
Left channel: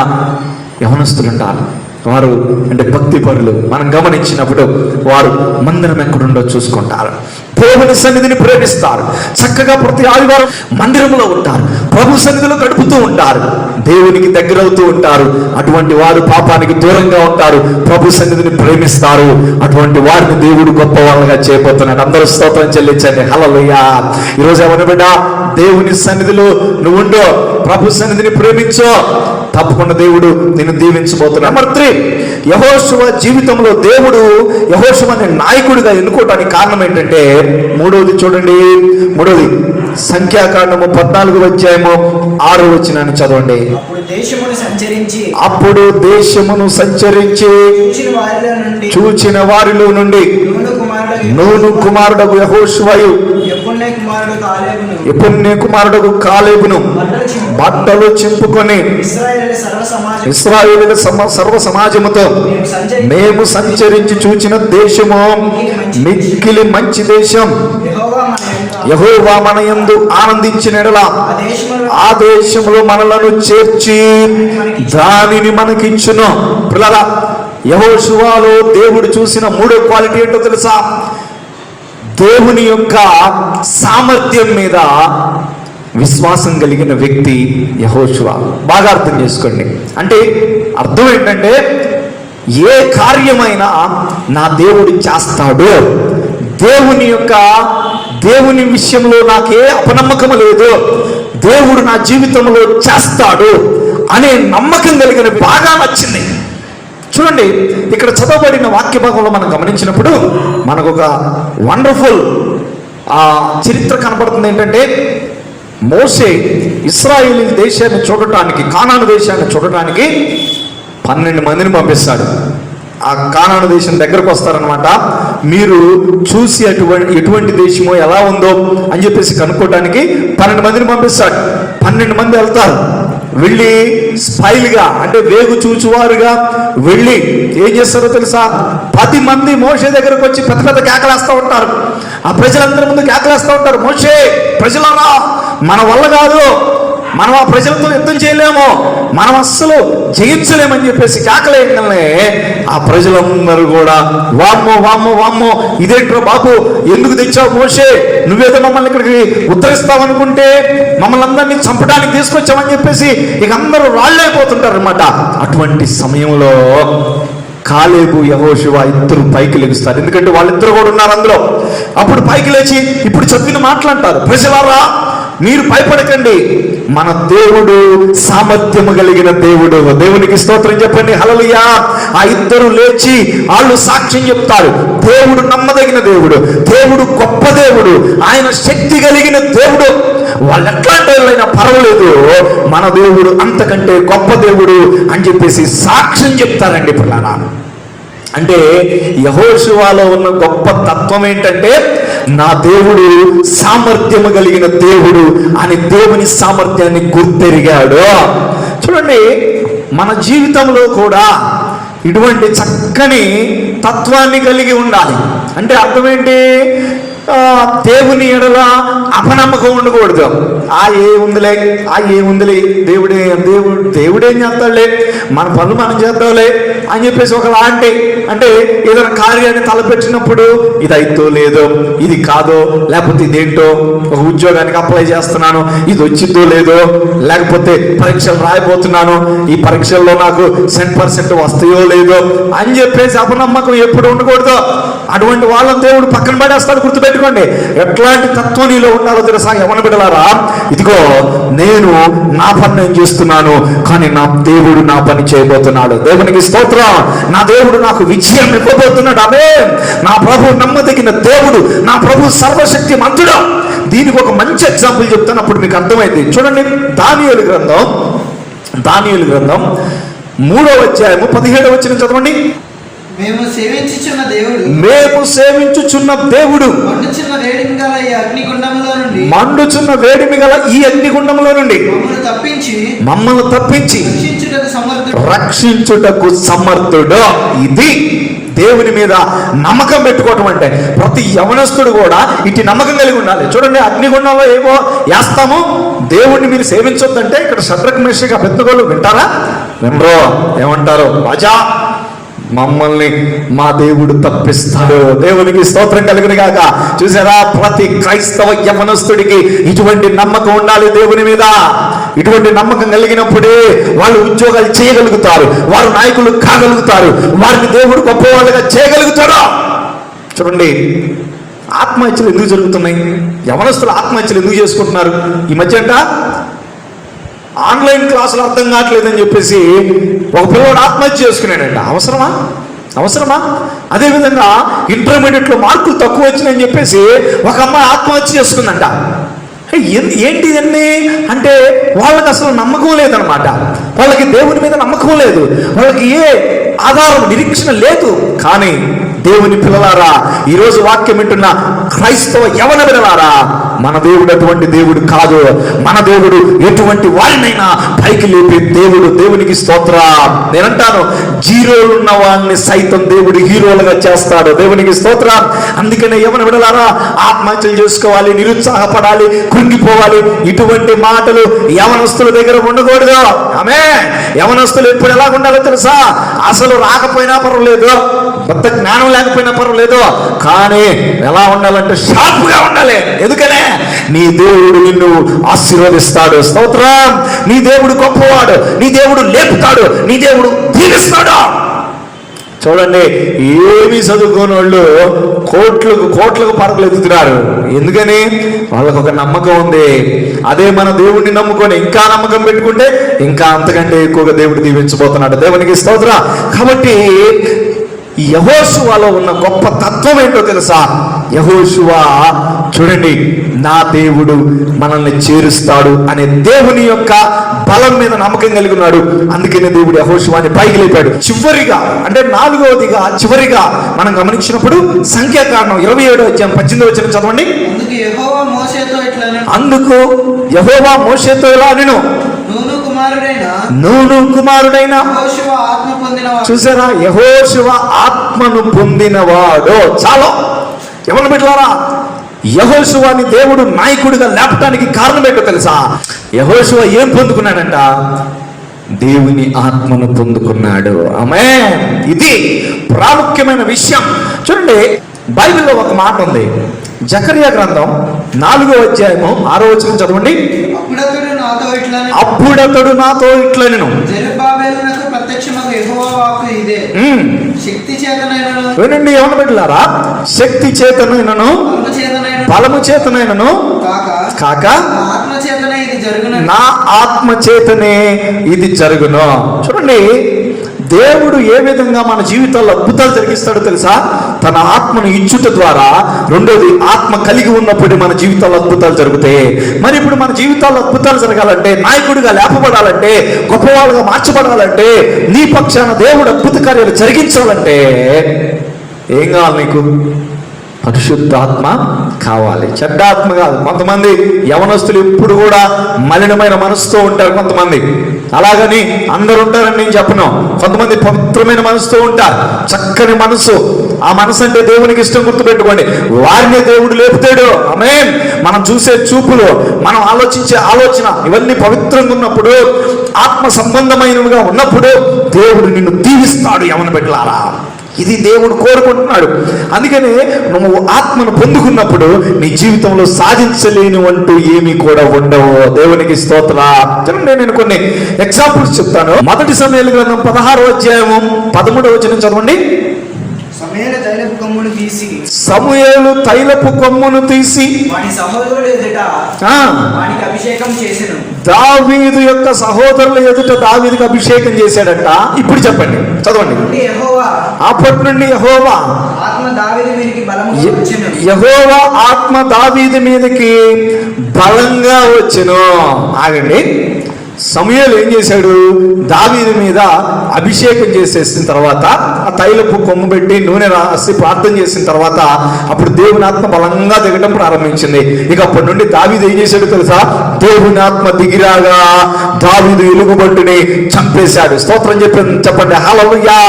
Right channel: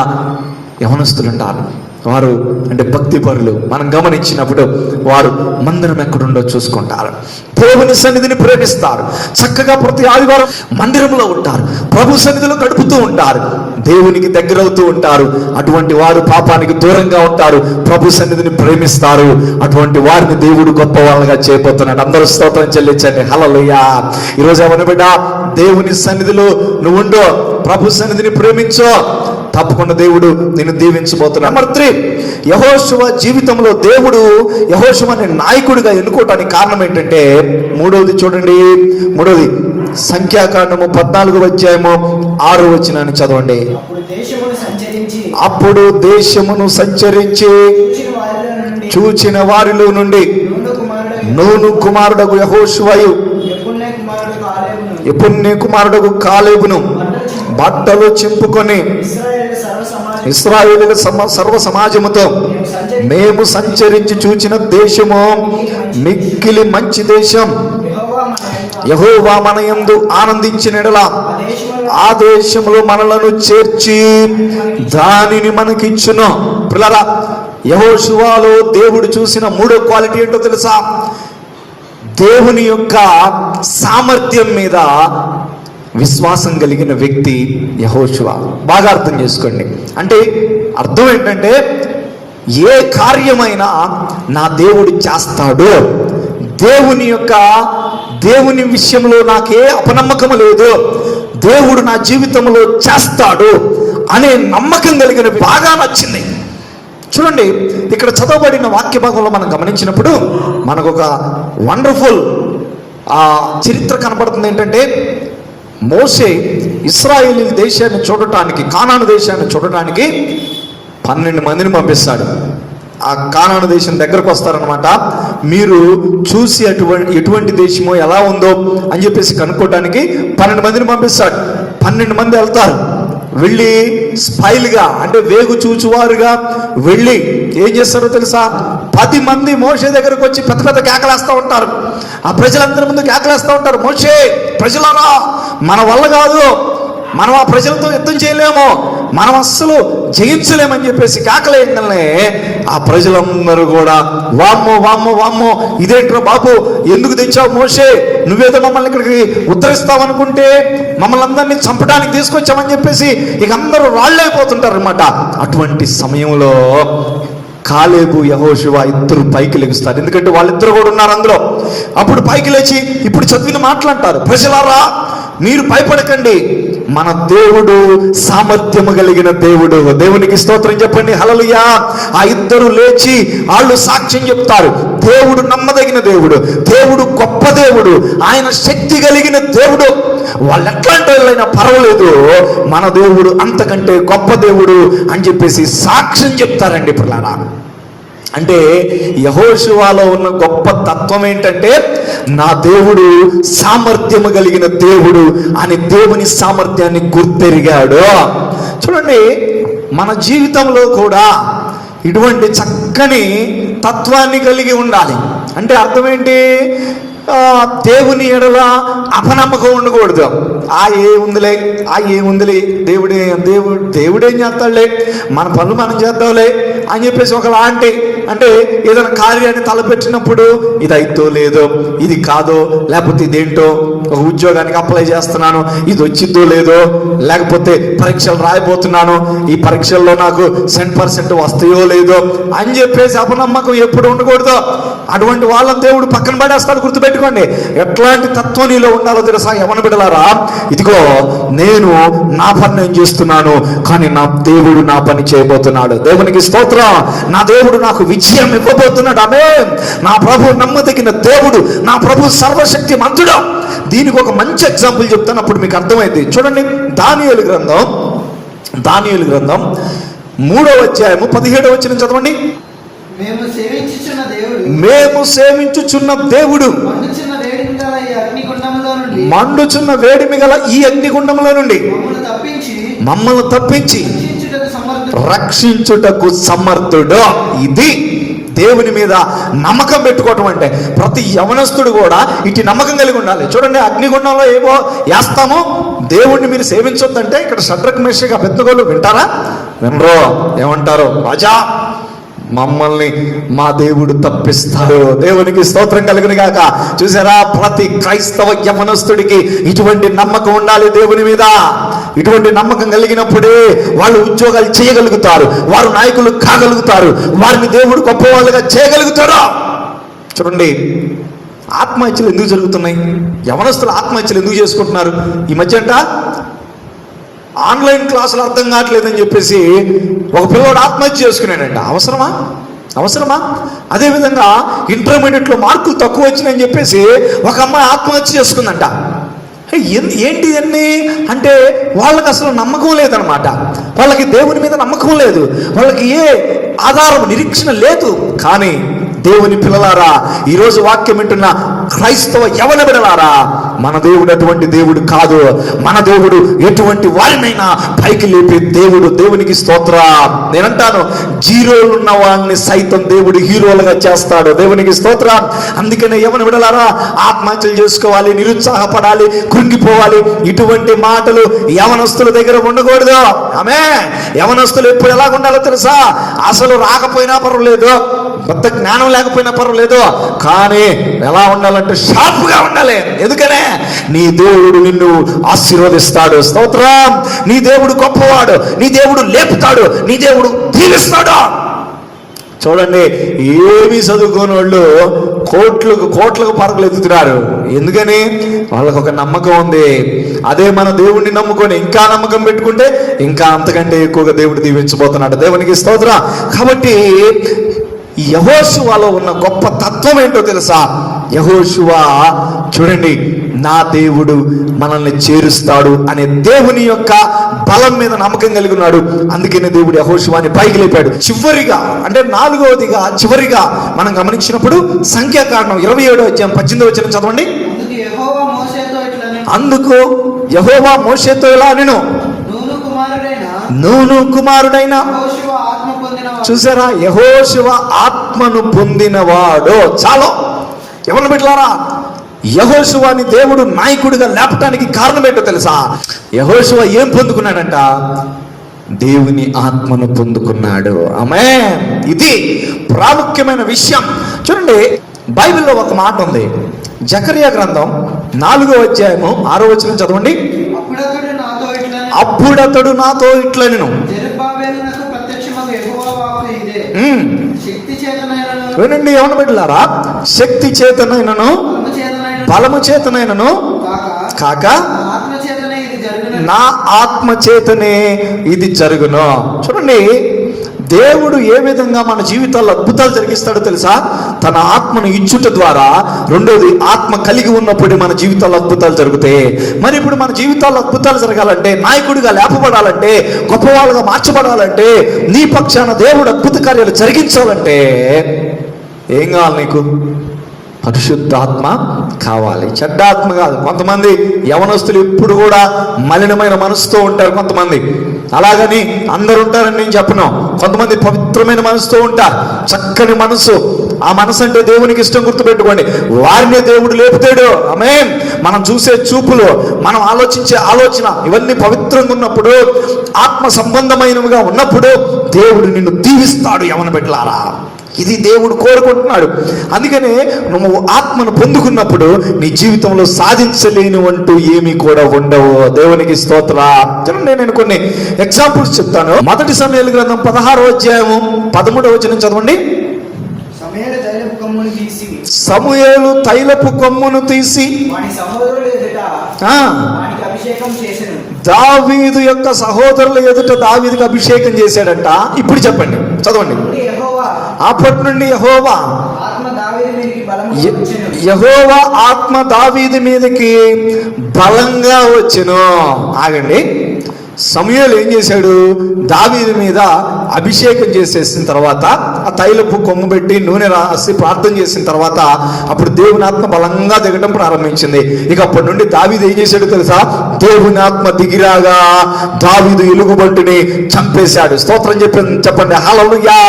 యవనస్తులు ఉంటారు, వారు అంటే భక్తి పరులు. మనం గమనించినప్పుడు వారు మందిరం ఎక్కడుండో చూసుకుంటారు, దేవుని సన్నిధిని ప్రేమిస్తారు, చక్కగా ప్రతి ఆదివారం మందిరంలో ఉంటారు, ప్రభు సన్నిధిలో గడుపుతూ ఉంటారు, దేవునికి దగ్గరవుతూ ఉంటారు. అటువంటి వారు పాపానికి దూరంగా ఉంటారు, ప్రభు సన్నిధిని ప్రేమిస్తారు. అటువంటి వారిని దేవుడు గొప్ప వాళ్ళగా చేయబోతున్నాడు. అందరూ స్తోత్రం చెల్లించండి. హల్లెలూయా. ఈరోజు ఎవరి బిడ్డ దేవుని సన్నిధిలో నువ్వు ఉండో, ప్రభు సన్నిధిని ప్రేమించో, తప్పకుండా దేవుడు నిన్ను దీవించబోతున్నాడు. నెంబర్ 3, యెహోషువ జీవితంలో దేవుడు యెహోషువని నాయకుడిగా ఎన్నుకోవడానికి కారణం ఏంటంటే, మూడవది చూడండి, మూడవది సంఖ్యాకాండము 14వ అధ్యాయము 6వ వచనాన్ని చదవండి. అప్పుడు దేశమును సంచరించి చూచిన వారిలో నుండి నూను కుమారుడకు యెహోషువయు యెఫున్నె కుమారుడకు కాలేబును బట్టలు చింపుకొని ఇశ్రాయేలు సర్వ సమాజముతో మేము సంచరించి చూచిన దేశము మిక్కిలి మంచి దేశం, యెహోవా మన యందు ఆనందించిన ఎడల ఆ దేశంలో మనలను చేర్చి దానిని మనకిచ్చును. పిల్లరా, యెహోషువలో దేవుడు చూసిన మూడో క్వాలిటీ ఏంటో తెలుసా? దేవుని యొక్క సామర్థ్యం మీద విశ్వాసం కలిగిన వ్యక్తి యెహోషువ. బాగా అర్థం చేసుకోండి. అంటే అర్థం ఏంటంటే, ఏ కార్యమైనా నా దేవుడు చేస్తాడు, దేవుని విషయంలో నాకే అపనమ్మకము లేదు, దేవుడు నా జీవితంలో చేస్తాడు అనే నమ్మకం కలిగిన బాగా నచ్చింది. చూడండి, ఇక్కడ చదవబడిన వాక్య భాగంలో మనం గమనించినప్పుడు మనకు ఒక వండర్ఫుల్ చరిత్ర కనపడుతుంది. ఏంటంటే, మోషే ఇశ్రాయేలు దేశాన్ని చూడటానికి, కానాను దేశాన్ని చూడటానికి 12 మందిని పంపిస్తాడు. ఆ కానాను దేశం దగ్గరకు వస్తారనమాట. మీరు చూసి ఎటువంటి దేశమో ఎలా ఉందో అని చెప్పేసి కనుక్కోవడానికి 12 మందిని పంపిస్తాడు. 12 మంది వెళ్తారు. వెళ్ళి స్పైల్గా అంటే వేగు చూచువారుగా వెళ్ళి ఏం చేస్తారో తెలుసా? 10 మంది మోషే దగ్గరకు వచ్చి పెద్ద పెద్ద కేకలేస్తూ ఉంటారు. ఆ ప్రజలందరి ముందు కేకలేస్తూ ఉంటారు, మోషే, ప్రజలారా మన వల్ల కాదు, మనం ఆ ప్రజలతో యుద్ధం చేయలేము, మనం అస్సలు జయించలేమని చెప్పేసి కేకలేయగానే ఆ ప్రజలందరూ కూడా వామ్మో వామ్మో వామ్మో, ఇదేంట్రా బాబు, ఎందుకు తెచ్చావు మోషే, నువ్వేదో మమ్మల్ని ఇక్కడికి ఉద్ధరిస్తావనుకుంటే మమ్మల్ని అందరినీ చంపడానికి తీసుకొచ్చామని చెప్పేసి ఇక అందరూ రాళ్ళైపోతుంటారు అనమాట. అటువంటి సమయంలో కాలేబు యెహోషువ ఇద్దరు పైకి లెగుస్తారు, ఎందుకంటే వాళ్ళిద్దరు కూడా ఉన్నారు అందులో. అప్పుడు పైకి లేచి ఇప్పుడు చదివిన మాట్లాడతారు, ప్రజలారా మీరు భయపడకండి, మన దేవుడు సామర్థ్యము కలిగిన దేవుడు. దేవునికి స్తోత్రం చెప్పండి, హల్లెలూయా. ఆ ఇద్దరు లేచి వాళ్ళు సాక్ష్యం చెప్తారు, దేవుడు నమ్మదగిన దేవుడు, దేవుడు గొప్ప దేవుడు, ఆయన శక్తి కలిగిన దేవుడు. వాళ్ళు ఎట్లాంటి వాళ్ళైనా పర్వాలేదు, మన దేవుడు అంతకంటే గొప్ప దేవుడు అని చెప్పేసి సాక్ష్యం చెప్తారండి పిల్లరా. అంటే యెహోషువలో ఉన్న గొప్ప తత్వం ఏంటంటే, నా దేవుడు సామర్థ్యము కలిగిన దేవుడు అని దేవుని సామర్థ్యాన్ని గుర్తెరిగాడు. చూడండి, మన జీవితంలో కూడా ఇటువంటి చక్కని తత్వాన్ని కలిగి ఉండాలి. అంటే అర్థం ఏంటి? దేవుని ఎడల అపనమ్మకం ఉండకూడదు. ఏముందిలే దేవుడేం చేస్తాడులే, మన పనులు మనం చేద్దాంలే అని చెప్పేసి ఒక అంటే ఏదైనా కార్యాన్ని తలపెట్టినప్పుడు ఇది అయితో లేదో, ఇది కాదో, లేకపోతే ఇదేంటో, ఒక ఉద్యోగానికి అప్లై చేస్తున్నాను, ఇది వచ్చిందో లేదో, లేకపోతే పరీక్షలు రాయబోతున్నాను, ఈ పరీక్షల్లో నాకు 100% వస్తాయో లేదో అని చెప్పేసి అపనమ్మకం ఎప్పుడు ఉండకూడదు. అటువంటి వాళ్ళని దేవుడు పక్కన పడేస్తాడు, గుర్తుపెట్టుకోండి. ఎట్లాంటి తత్వం నీలో ఉన్నారో తెలుసా యవ్వన బిడ్డలారా? ఇదిగో నేను నా పని నేను చేస్తున్నాను, కానీ నా దేవుడు నా పని చేయబోతున్నాడు. దేవునికి స్తోత్రం. నా దేవుడు నాకు విజయం ఇవ్వబోతున్నాడు. అదే నా ప్రభు నమ్మదగిన దేవుడు, నా ప్రభు సర్వశక్తి మంతుడు. దీనికి ఒక మంచి ఎగ్జాంపుల్ చెప్తాను, అప్పుడు మీకు అర్థమైంది. చూడండి, దానియేలు గ్రంథం 3వ అధ్యాయము 17వ వచనం చదవండి. మేము సేవించుచున్న దేవుడు మండుచున్న వేడిమి గల ఈ అగ్నిగుండములో నుండి మమ్మల్ని తప్పించి రక్షించుటకు సమర్థుడు. ఇది దేవుని మీద నమ్మకం పెట్టుకోవటం అంటే. ప్రతి యవనస్తుడు కూడా ఇటు నమ్మకం కలిగి ఉండాలి. చూడండి, అగ్నిగుండంలో ఏమో వేస్తాము, దేవుణ్ణి మీరు సేవించొద్దంటే ఇక్కడ షడ్రక్ మేషక్ అబేద్నెగోలు వింటారా? వినరో. ఏమంటారు? రాజా, మమ్మల్ని మా దేవుడు తప్పిస్తారు. దేవునికి స్తోత్రం కలిగిన గాక. చూసారా, ప్రతి క్రైస్తవ యవనస్తుడికి ఇటువంటి నమ్మకం ఉండాలి దేవుని మీద. ఇటువంటి నమ్మకం కలిగినప్పుడే వాళ్ళు ఉద్యోగాలు చేయగలుగుతారు, వారు నాయకులు కాగలుగుతారు, వారిని దేవుడు గొప్పవాళ్ళుగా చేయగలుగుతాడు. చూడండి, ఆత్మహత్యలు ఎందుకు జరుగుతున్నాయి? యవనస్తులు ఆత్మహత్యలు ఎందుకు చేసుకుంటున్నారు ఈ మధ్య? ఆన్లైన్ క్లాసులు అర్థం కావట్లేదని చెప్పేసి ఒక పిల్లవాడు ఆత్మహత్య చేసుకున్నాడంట. అవసరమా? అదేవిధంగా ఇంటర్మీడియట్లో మార్కులు తక్కువ వచ్చినాయని చెప్పేసి ఒక అమ్మాయి ఆత్మహత్య చేసుకుందంట. ఏంటి ఇవన్నీ అంటే, వాళ్ళకి అసలు నమ్మకం లేదనమాట. వాళ్ళకి దేవుని మీద నమ్మకం లేదు, వాళ్ళకి ఏ ఆధారం, నిరీక్షణ లేదు. కానీ దేవుని పిల్లలారా, ఈరోజు వాక్యం వింటున్న క్రైస్తవ యవన బిడ్డలారా, మన దేవుడు అటువంటి దేవుడు కాదు. మన దేవుడు ఎటువంటి వారినైనా పైకి లేపే దేవుడు. దేవునికి స్తోత్ర. నేనంటాను, జీరోలు ఉన్న వాళ్ళని సైతం దేవుడు హీరోలుగా చేస్తాడు. దేవునికి స్తోత్ర. అందుకనే యవన బిడ్డలారా, ఆత్మహత్యలు చేసుకోవాలి, నిరుత్సాహపడాలి, కృంగిపోవాలి, ఇటువంటి మాటలు యవనస్తుల దగ్గర ఉండకూడదు. ఆమేన్. యవనస్తులు ఎప్పుడు ఎలా ఉండాలో తెలుసా? అసలు రాకపోయినా పర్వాలేదు, కొత్త జ్ఞానం లేకపోయినా పర్వాలేదు, కానీ ఎలా ఉండాలంటే షార్ప్గా ఉండాలి. ఎందుకనే? నీ దేవుడు నిన్ను ఆశీర్వదిస్తాడు. స్తోత్రం. నీ దేవుడు గొప్పవాడు, నీ దేవుడు లేపుతాడు, నీ దేవుడు దీవిస్తాడు. చూడండి, ఏమి చదువుకోని వాళ్ళు కోట్లకు పరుగులు ఎత్తుతున్నారు. ఎందుకని? వాళ్ళకు ఒక నమ్మకం ఉంది. అదే మన దేవుడిని నమ్ముకొని ఇంకా నమ్మకం పెట్టుకుంటే ఇంకా అంతకంటే ఎక్కువగా దేవుడు దీవించబోతున్నాడు. దేవునికి స్తోత్రం. కాబట్టి యెహోషువలో ఉన్న గొప్ప తత్వం ఏంటో తెలుసా? యెహోషువ చూడండి, నా దేవుడు మనల్ని చేరుస్తాడు అనే దేవుని యొక్క బలం మీద నమ్మకం కలిగి ఉన్నాడు. అందుకనే దేవుడు యెహోషువని పైకి లేపాడు. చివరిగా, అంటే 4వదిగా చివరిగా మనం గమనించినప్పుడు సంఖ్యాకాండం 27వ అధ్యాయం 18వ వచనం చదవండి. అందుకు యెహోవా మోషేతో ఇలా అనెను, నూను కుమారుడైన చూసారా, యెహోషువ ఆత్మను పొందినవాడు. చాలు. ఎవరు బిడ్డలారా, యెహోషువని దేవుడు నాయకుడిగా లేపటానికి కారణం ఏంటో తెలుసా? యెహోషువ ఏం పొందుకున్నాడంట? దేవుని ఆత్మను పొందుకున్నాడు. ఆమేన్. ఇది ప్రాముఖ్యమైన విషయం. చూడండి, బైబిల్లో ఒక మాట ఉంది. జకరియా గ్రంథం 4వ అధ్యాయము 6వ వచనం చదవండి. అప్పుడతడు నాతో ఇట్లనెను, నేను జెరుబ్బాబెలునకు ప్రత్యక్షమగు యెహోవా వాక్కు ఇదే, శక్తి చేతనైనను వినండి ఎవరు బిడ్డలారా, శక్తి చేతనైనను బలము చేతనైనను కాక ఆత్మ చేతనే ఇది జరుగును. నా ఆత్మ చేతనే ఇది జరుగును. చూడండి, దేవుడు ఏ విధంగా మన జీవితాల్లో అద్భుతాలు జరిగిస్తాడో తెలుసా? తన ఆత్మను ఇచ్చుట ద్వారా. రెండోది, ఆత్మ కలిగి ఉన్నప్పుడు మన జీవితాల్లో అద్భుతాలు జరుగుతాయి. మరి ఇప్పుడు మన జీవితాల్లో అద్భుతాలు జరగాలంటే, నాయకుడిగా లేపబడాలంటే, గొప్పవాడుగా మార్చబడాలంటే, నీ పక్షాన దేవుడు అద్భుత కార్యాలు జరిగించాలంటే ఏం కావాలి నీకు? పరిశుద్ధాత్మ కావాలి. చెడ్డ ఆత్మ కాదు. కొంతమంది యవనస్తులు ఎప్పుడు కూడా మలినమైన మనసుతో ఉంటారు. కొంతమంది అలాగని అందరు ఉంటారని నేను చెప్పను. కొంతమంది పవిత్రమైన మనసుతో ఉంటారు, చక్కని మనసు. ఆ మనసు అంటే దేవునికి ఇష్టం. గుర్తుపెట్టుకోండి, వారిని దేవుడు లేపుతాడు. ఆమేన్. మనం చూసే చూపులు, మనం ఆలోచించే ఆలోచన, ఇవన్నీ పవిత్రంగా ఉన్నప్పుడు, ఆత్మ సంబంధమైనవిగా ఉన్నప్పుడు దేవుడు నిన్ను దీవిస్తాడు. యవన బిడ్డలారా, ఇది దేవుడు కోరుకుంటున్నాడు. అందుకనే నువ్వు ఆత్మను పొందుకున్నప్పుడు నీ జీవితంలో సాధించలేనివంటూ ఏమీ కూడా ఉండవు. దేవునికి స్తోత్రం. చూడండి, నేను కొన్ని ఎగ్జాంపుల్స్ చెప్తాను. మొదటి సమూయేలు గ్రంథం 16వ అధ్యాయము 13వ వచనం చదవండి. సమూయేలు తైలపు కొమ్మును తీసి వాడి సహోదరుల ఎదుట వాడికి అభిషేకం చేసెను. దావీదు యొక్క సహోదరుల ఎదుట దావీదుకి అభిషేకం చేశాడంట. ఇప్పుడు చెప్పండి, చదవండి. అప్పటి నుండి యెహోవా ఆత్మ దావీదు మీదకి బలముగా వచ్చెను. యెహోవా ఆత్మ దావీదు మీదకి బలంగా వచ్చెను. ఆగండి, సమూయేలు ఏం చేశాడు? దావీదు మీద అభిషేకం చేసేసిన తర్వాత, ఆ తైలపు కొమ్ము పెట్టి నూనె రాసి ప్రార్థన చేసిన తర్వాత, అప్పుడు దేవుని ఆత్మ బలంగా దిగటం ప్రారంభించింది. ఇక అప్పటి నుండి దావీదు ఏం చేశాడు తెలుసా? దేవుని ఆత్మ దిగిరాగా దావీదు ఎలుగుబంటిని చంపేశాడు. స్తోత్రం చెప్పండి హల్లెలూయా.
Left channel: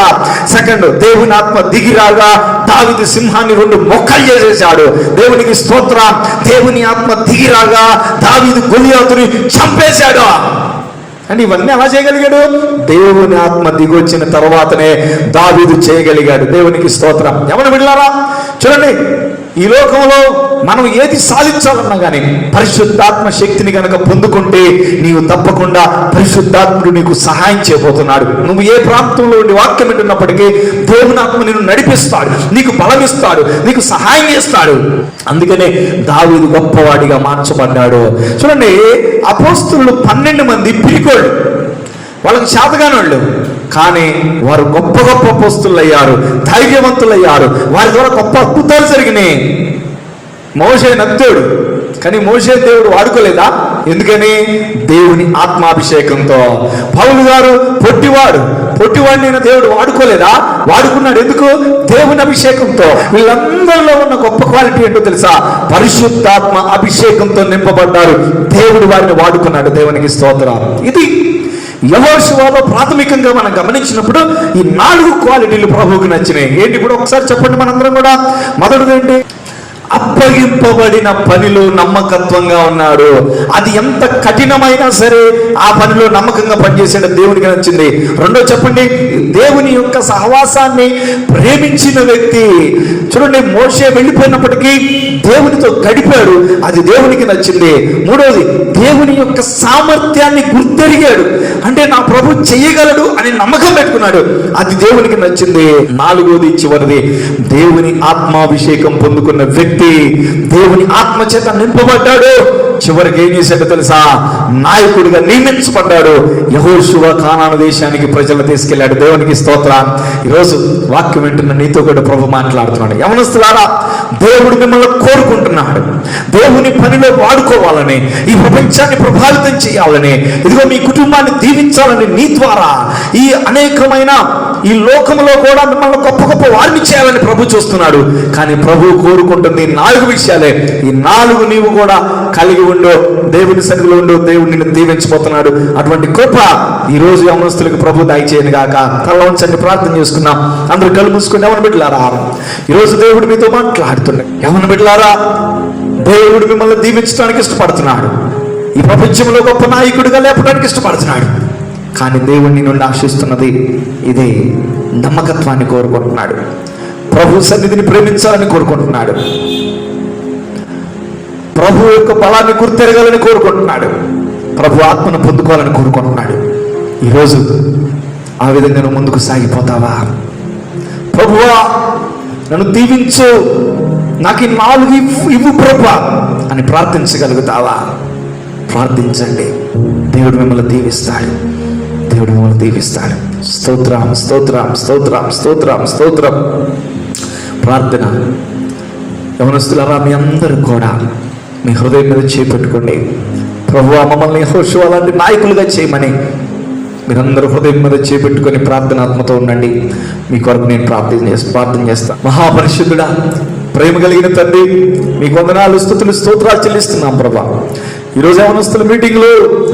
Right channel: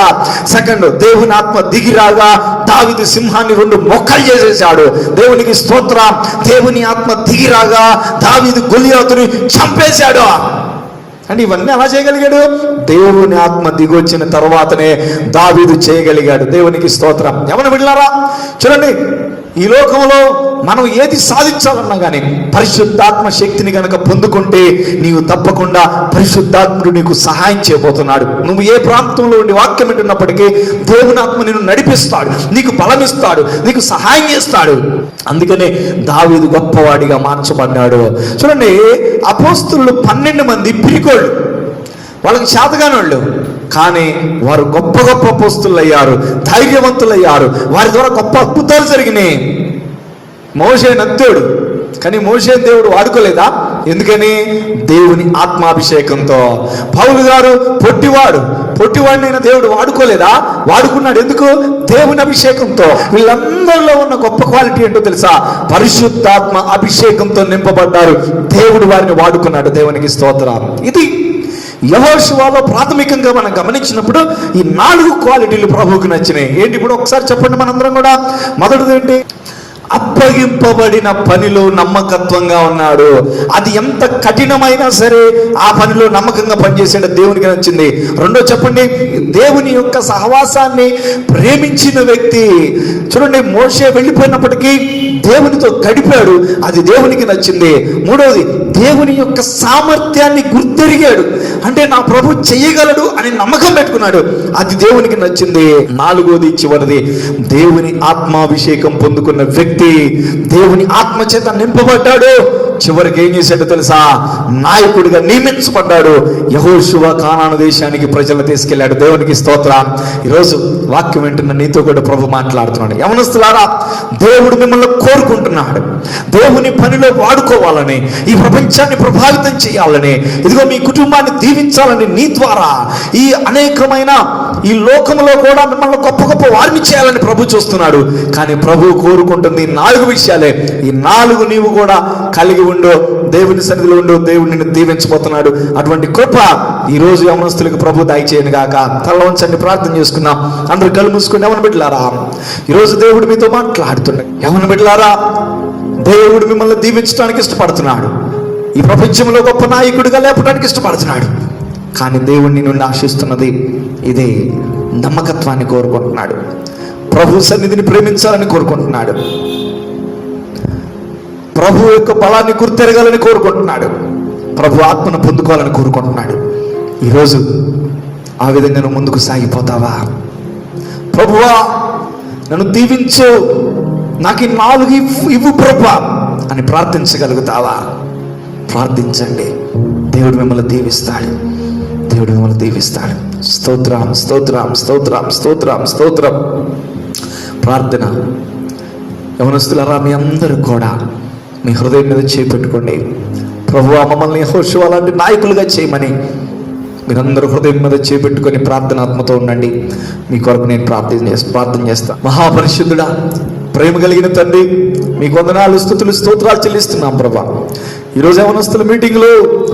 సెకండ్, దేవుని ఆత్మ దిగిరాగా దావీదు సింహాన్ని 2 మొక్కలు చేసేశాడు. దేవునికి స్తోత్రం. దేవుని ఆత్మ దిగిరాగా దావీదు గొలియాతుని చంపేశాడు. అని ఇవన్నీ ఎలా చేయగలిగాడు? దేవుని ఆత్మ దిగొచ్చిన తర్వాతనే దావీదు చేయగలిగాడు. దేవునికి స్తోత్రం. ఎవరు బిడ్డలారా, చూడండి, ఈ లోకంలో మనం ఏది సాధించాలన్నా కానీ పరిశుద్ధాత్మ శక్తిని కనుక పొందుకుంటే నీవు తప్పకుండా పరిశుద్ధాత్ముడు నీకు సహాయం చేయబోతున్నాడు. నువ్వు ఏ ప్రాంతంలో ఉండి వాక్యం వింటున్నప్పటికీ దేవుని ఆత్మ నిన్ను నడిపిస్తాడు, నీకు బలమిస్తాడు, నీకు సహాయం చేస్తాడు. అందుకనే దావీదు గొప్పవాడిగా మార్చబడ్డాడు. చూడండి, అపోస్తలులు 12 మంది పిరికోళ్ళు, వాళ్ళకి చేతగాని వాళ్ళు, కానీ వారు గొప్ప గొప్ప అపోస్తలులు అయ్యారు, ధైర్యవంతులయ్యారు. వారి ద్వారా గొప్ప అద్భుతాలు జరిగినాయి. మోషే నత్తోడు, కానీ మోషే దేవుడు వాడుకోలేదా? ఎందుకని? దేవుని ఆత్మాభిషేకంతో. పౌలు గారు పొట్టివాడిని దేవుడు వాడుకోలేదా? వాడుకున్నాడు. ఎందుకు? దేవుని అభిషేకంతో. వీళ్ళందరిలో ఉన్న గొప్ప క్వాలిటీ ఏంటో తెలుసా? పరిశుద్ధాత్మ అభిషేకంతో నింపబడ్డారు. దేవుడు వారిని వాడుకున్నాడు. దేవునికి స్తోత్రాలు. ఇది యెహోషువలో ప్రాథమికంగా మనం గమనించినప్పుడు ఈ 4 క్వాలిటీలు ప్రభువుకు నచ్చినాయి. ఏంటి కూడా ఒకసారి చెప్పండి మనందరం కూడా. మొదటిది ఏంటి? అప్పగింపబడిన పనిలో నమ్మకత్వంగా ఉన్నాడు. అది ఎంత కఠినమైనా సరే ఆ పనిలో నమ్మకంగా పనిచేసాడు. దేవునికి నచ్చింది. రెండో చెప్పండి, దేవుని యొక్క సహవాసాన్ని ప్రేమించిన వ్యక్తి. చూడండి, మోషే వెళ్ళిపోయినప్పటికీ దేవునితో గడిపాడు, అది దేవునికి నచ్చింది. మూడోది, దేవుని యొక్క సామర్థ్యాన్ని గుర్తెరిగాడు, అంటే నా ప్రభు చెయ్యగలడు అని నమ్మకం పెట్టుకున్నాడు, అది దేవునికి నచ్చింది. నాలుగోది, చివరిది, దేవుని ఆత్మాభిషేకం పొందుకున్న వ్యక్తి దేవుని ఆత్మ చేత నింపబడ్డాడు. చివరికి ఏం చేశాడు తెలుసా? నాయకుడిగా నియమించబడ్డాడు. యెహోషువ కానాను దేశానికి ప్రజలు తీసుకెళ్లాడు. దేవునికి స్తోత్రం. ఈరోజు వాక్యం వింటున్న నీతో కూడా ప్రభు మాట్లాడుతున్నాడు. యవనస్తులారా, దేవుడు మిమ్మల్ని కోరుకుంటున్నాడు. దేవుని పనిలో వాడుకోవాలని, ఈ ప్రపంచాన్ని ప్రభావితం చేయాలని, ఇదిగో మీ కుటుంబాన్ని దీవించాలని, నీ ద్వారా ఈ అనేకమైన ఈ లోకంలో కూడా మిమ్మల్ని గొప్ప గొప్ప వారిని చేయాలని ప్రభు చూస్తున్నాడు. కానీ ప్రభు కోరుకుంటుంది 4 విషయాలే. ఈ 4 నీవు కూడా కలిగి ఉండు, దేవుని సన్నిధిలో ఉండు, దేవుడు నిన్ను దీవించబోతున్నాడు. అటువంటి కృప ఈ రోజు యవనస్తులకు ప్రభు దయచేయను గాక. తలవంచండి, ప్రార్థన చేసుకుందాం. అందరూ కళ్ళు మూసుకుని. యవన బిడ్డలారా, ఈరోజు దేవుడు మీతో మాట్లాడుతున్నాడు. యవన బిడ్డలారా, దేవుడు మిమ్మల్ని దీవించడానికి ఇష్టపడుతున్నాడు. ఈ ప్రపంచంలో గొప్ప నాయకుడిగా లేపడానికి ఇష్టపడుతున్నాడు. కానీ దేవుడిని నుండి ఆశిస్తున్నది ఇది నమ్మకత్వాన్ని కోరుకుంటున్నాడు. ప్రభు సన్నిధిని ప్రేమించాలని కోరుకుంటున్నాడు. ప్రభు యొక్క బలాన్ని గుర్తెరగాలని కోరుకుంటున్నాడు. ప్రభు ఆత్మను పొందుకోవాలని కోరుకుంటున్నాడు. ఈరోజు ఆ విధంగా నువ్వు ముందుకు సాగిపోతావా? ప్రభువా నన్ను దీవించు, నాకు ఈ 4 ఇవ్వు ప్రభువా అని ప్రార్థించగలుగుతావా? ప్రార్థించండి. దేవుడు మిమ్మల్ని దీవిస్తాడు. దేవుడు మిమ్మల్ని దీవిస్తాడు. స్తోత్రం, స్తోత్రం, స్తోత్రం, స్తోత్రం, స్తోత్రం. ప్రార్థన. యవనస్తులారా, మీ అందరూ కూడా మీ హృదయం మీద చేపెట్టుకోండి. ప్రభువా మమ్మల్ని యెహోషువ లాంటి నాయకులుగా చేయమని మీరందరూ హృదయం మీద చేపెట్టుకొని ప్రార్థనాత్మతో ఉండండి. మీ కొరకు నేను ప్రార్థన చేస్తాను. మహాపరిశుద్ధుడా, ప్రేమ కలిగిన తండ్రి, మీకు వందనాలు, స్తుతులు, స్తోత్రాలు చెల్లిస్తున్నాం ప్రభా. ఈరోజు యవనస్తుల మీటింగ్లో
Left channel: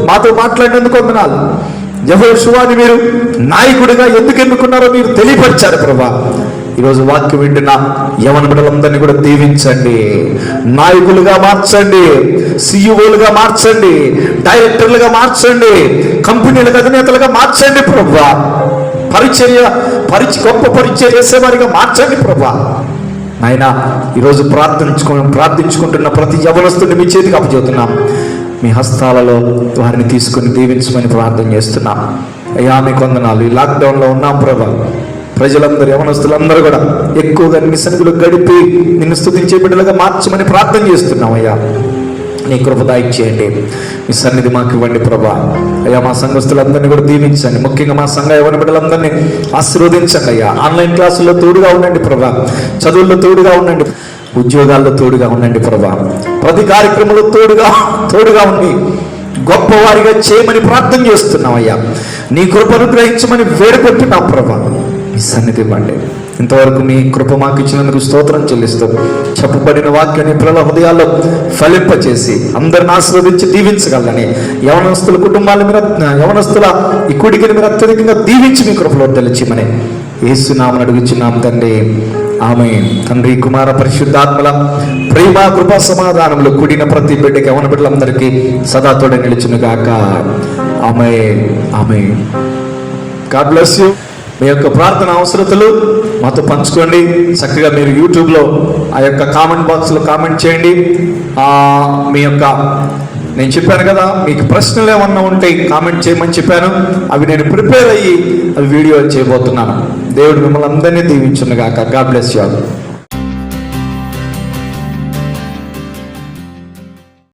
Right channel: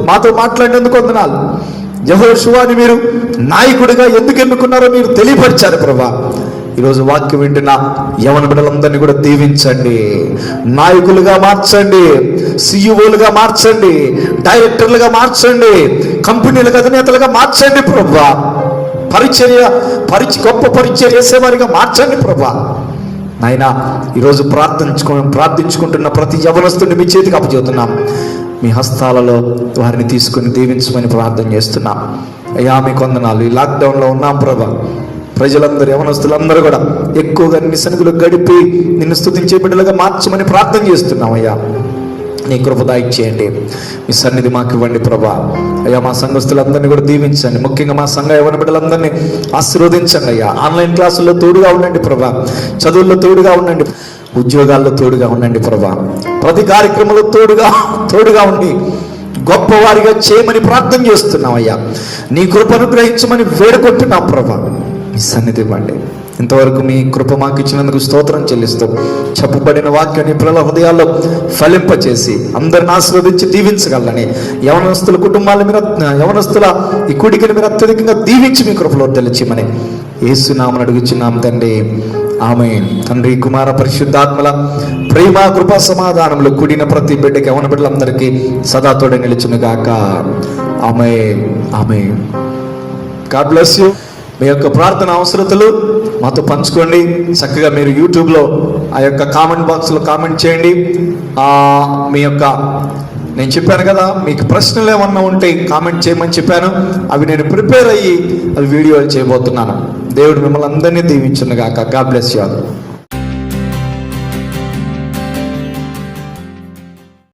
మాతో మాట్లాడినందుకు వందనాలు. యెహోషువని మీరు నాయకుడిగా ఎందుకు ఎన్నుకున్నారో మీరు తెలియపరిచారు ప్రభా. ఈరోజు వాక్యం వింటున్న యవన బిడ్డలందరినీ కూడా దీవించండి, నాయకులుగా మార్చండి, సిఇఓలుగా మార్చండి, డైరెక్టర్లుగా మార్చండి, కంపెనీల అధినేతలుగా మార్చండి ప్రభా. గొప్ప పరిచర్య చేసేవారిగా మార్చండి ప్రభా. నాయన ఈరోజు ప్రార్థించుకుంటున్న ప్రతి యవనస్తుడిని మీ చేతికి అప్పచెబుతున్నాం. మీ హస్తాలలో వారిని తీసుకుని దీవించమని ప్రార్థన చేస్తున్నాం. అయ్యా మీకు వందనాలు. ఈ లాక్డౌన్లో ఉన్నాం ప్రభా. ప్రజలందరూ, యవనస్తులందరూ కూడా ఎక్కువగా నీ సన్నిధిలో గడిపి నిన్ను స్తుతించే బిడ్డలుగా మార్చమని ప్రార్థన చేస్తున్నాం. అయ్యా నీ కృప దయచేయండి. మీ సన్నిధి మాకు ఇవ్వండి ప్రభా. అయ్యా మా సంఘస్థులందరినీ కూడా దీవించండి. ముఖ్యంగా మా సంఘ యవన బిడ్డలందరినీ ఆశీర్వదించండి. అయ్యా ఆన్లైన్ క్లాసుల్లో తోడుగా ఉండండి ప్రభా. చదువుల్లో తోడుగా ఉండండి. ఉద్యోగాల్లో తోడుగా ఉండండి ప్రభా. ప్రతి కార్యక్రమంలో తోడుగా ఉండి గొప్పవారిగా చేయమని ప్రార్థన చేస్తున్నాం. అయ్యా నీ కృపను గ్రహించమని వేడుకుంటున్నాం ప్రభా. మీ సన్నిధి ఇవ్వండి. ఇంతవరకు మీ కృప మాకు ఇచ్చినందుకు స్తోత్రం చెల్లిస్తాం. చెప్పబడిన వాక్యాన్ని పిల్లల హృదయాల్లో ఫలింపచేసి అందరిని ఆశీర్వదించి దీవించగలని యవనస్తుల కుటుంబాల మీద, యవనస్తుల ఈ కుడికిని మీద అత్యధికంగా దీవించి మీ కృపలో తెలియమని యేసునామమున అడుగుచున్నాం తండ్రి. ఆమేన్. తండ్రి, కుమార, పరిశుద్ధాత్మల ప్రేమ, కృపా, సమాధానంలో కూడిన ప్రతి బిడ్డకి, యవన బిడ్డలందరికీ సదా తోడే నిలిచును గాక. ఆమేన్, ఆమేన్. God bless you. మీ యొక్క ప్రార్థన అవసరతలు మాతో పంచుకోండి. చక్కగా మీరు యూట్యూబ్లో ఆ యొక్క కామెంట్ బాక్స్లో కామెంట్ చేయండి. మీ యొక్క నేను చెప్పాను కదా, మీకు ప్రశ్నలు ఏమన్నా ఉంటే కామెంట్ చేయమని చెప్పాను. అవి నేను ప్రిపేర్ అయ్యి అవి వీడియోలు చేయబోతున్నాను. దేవుడు మిమ్మల్ని అందరినీ దీవించును గాక. God bless you all.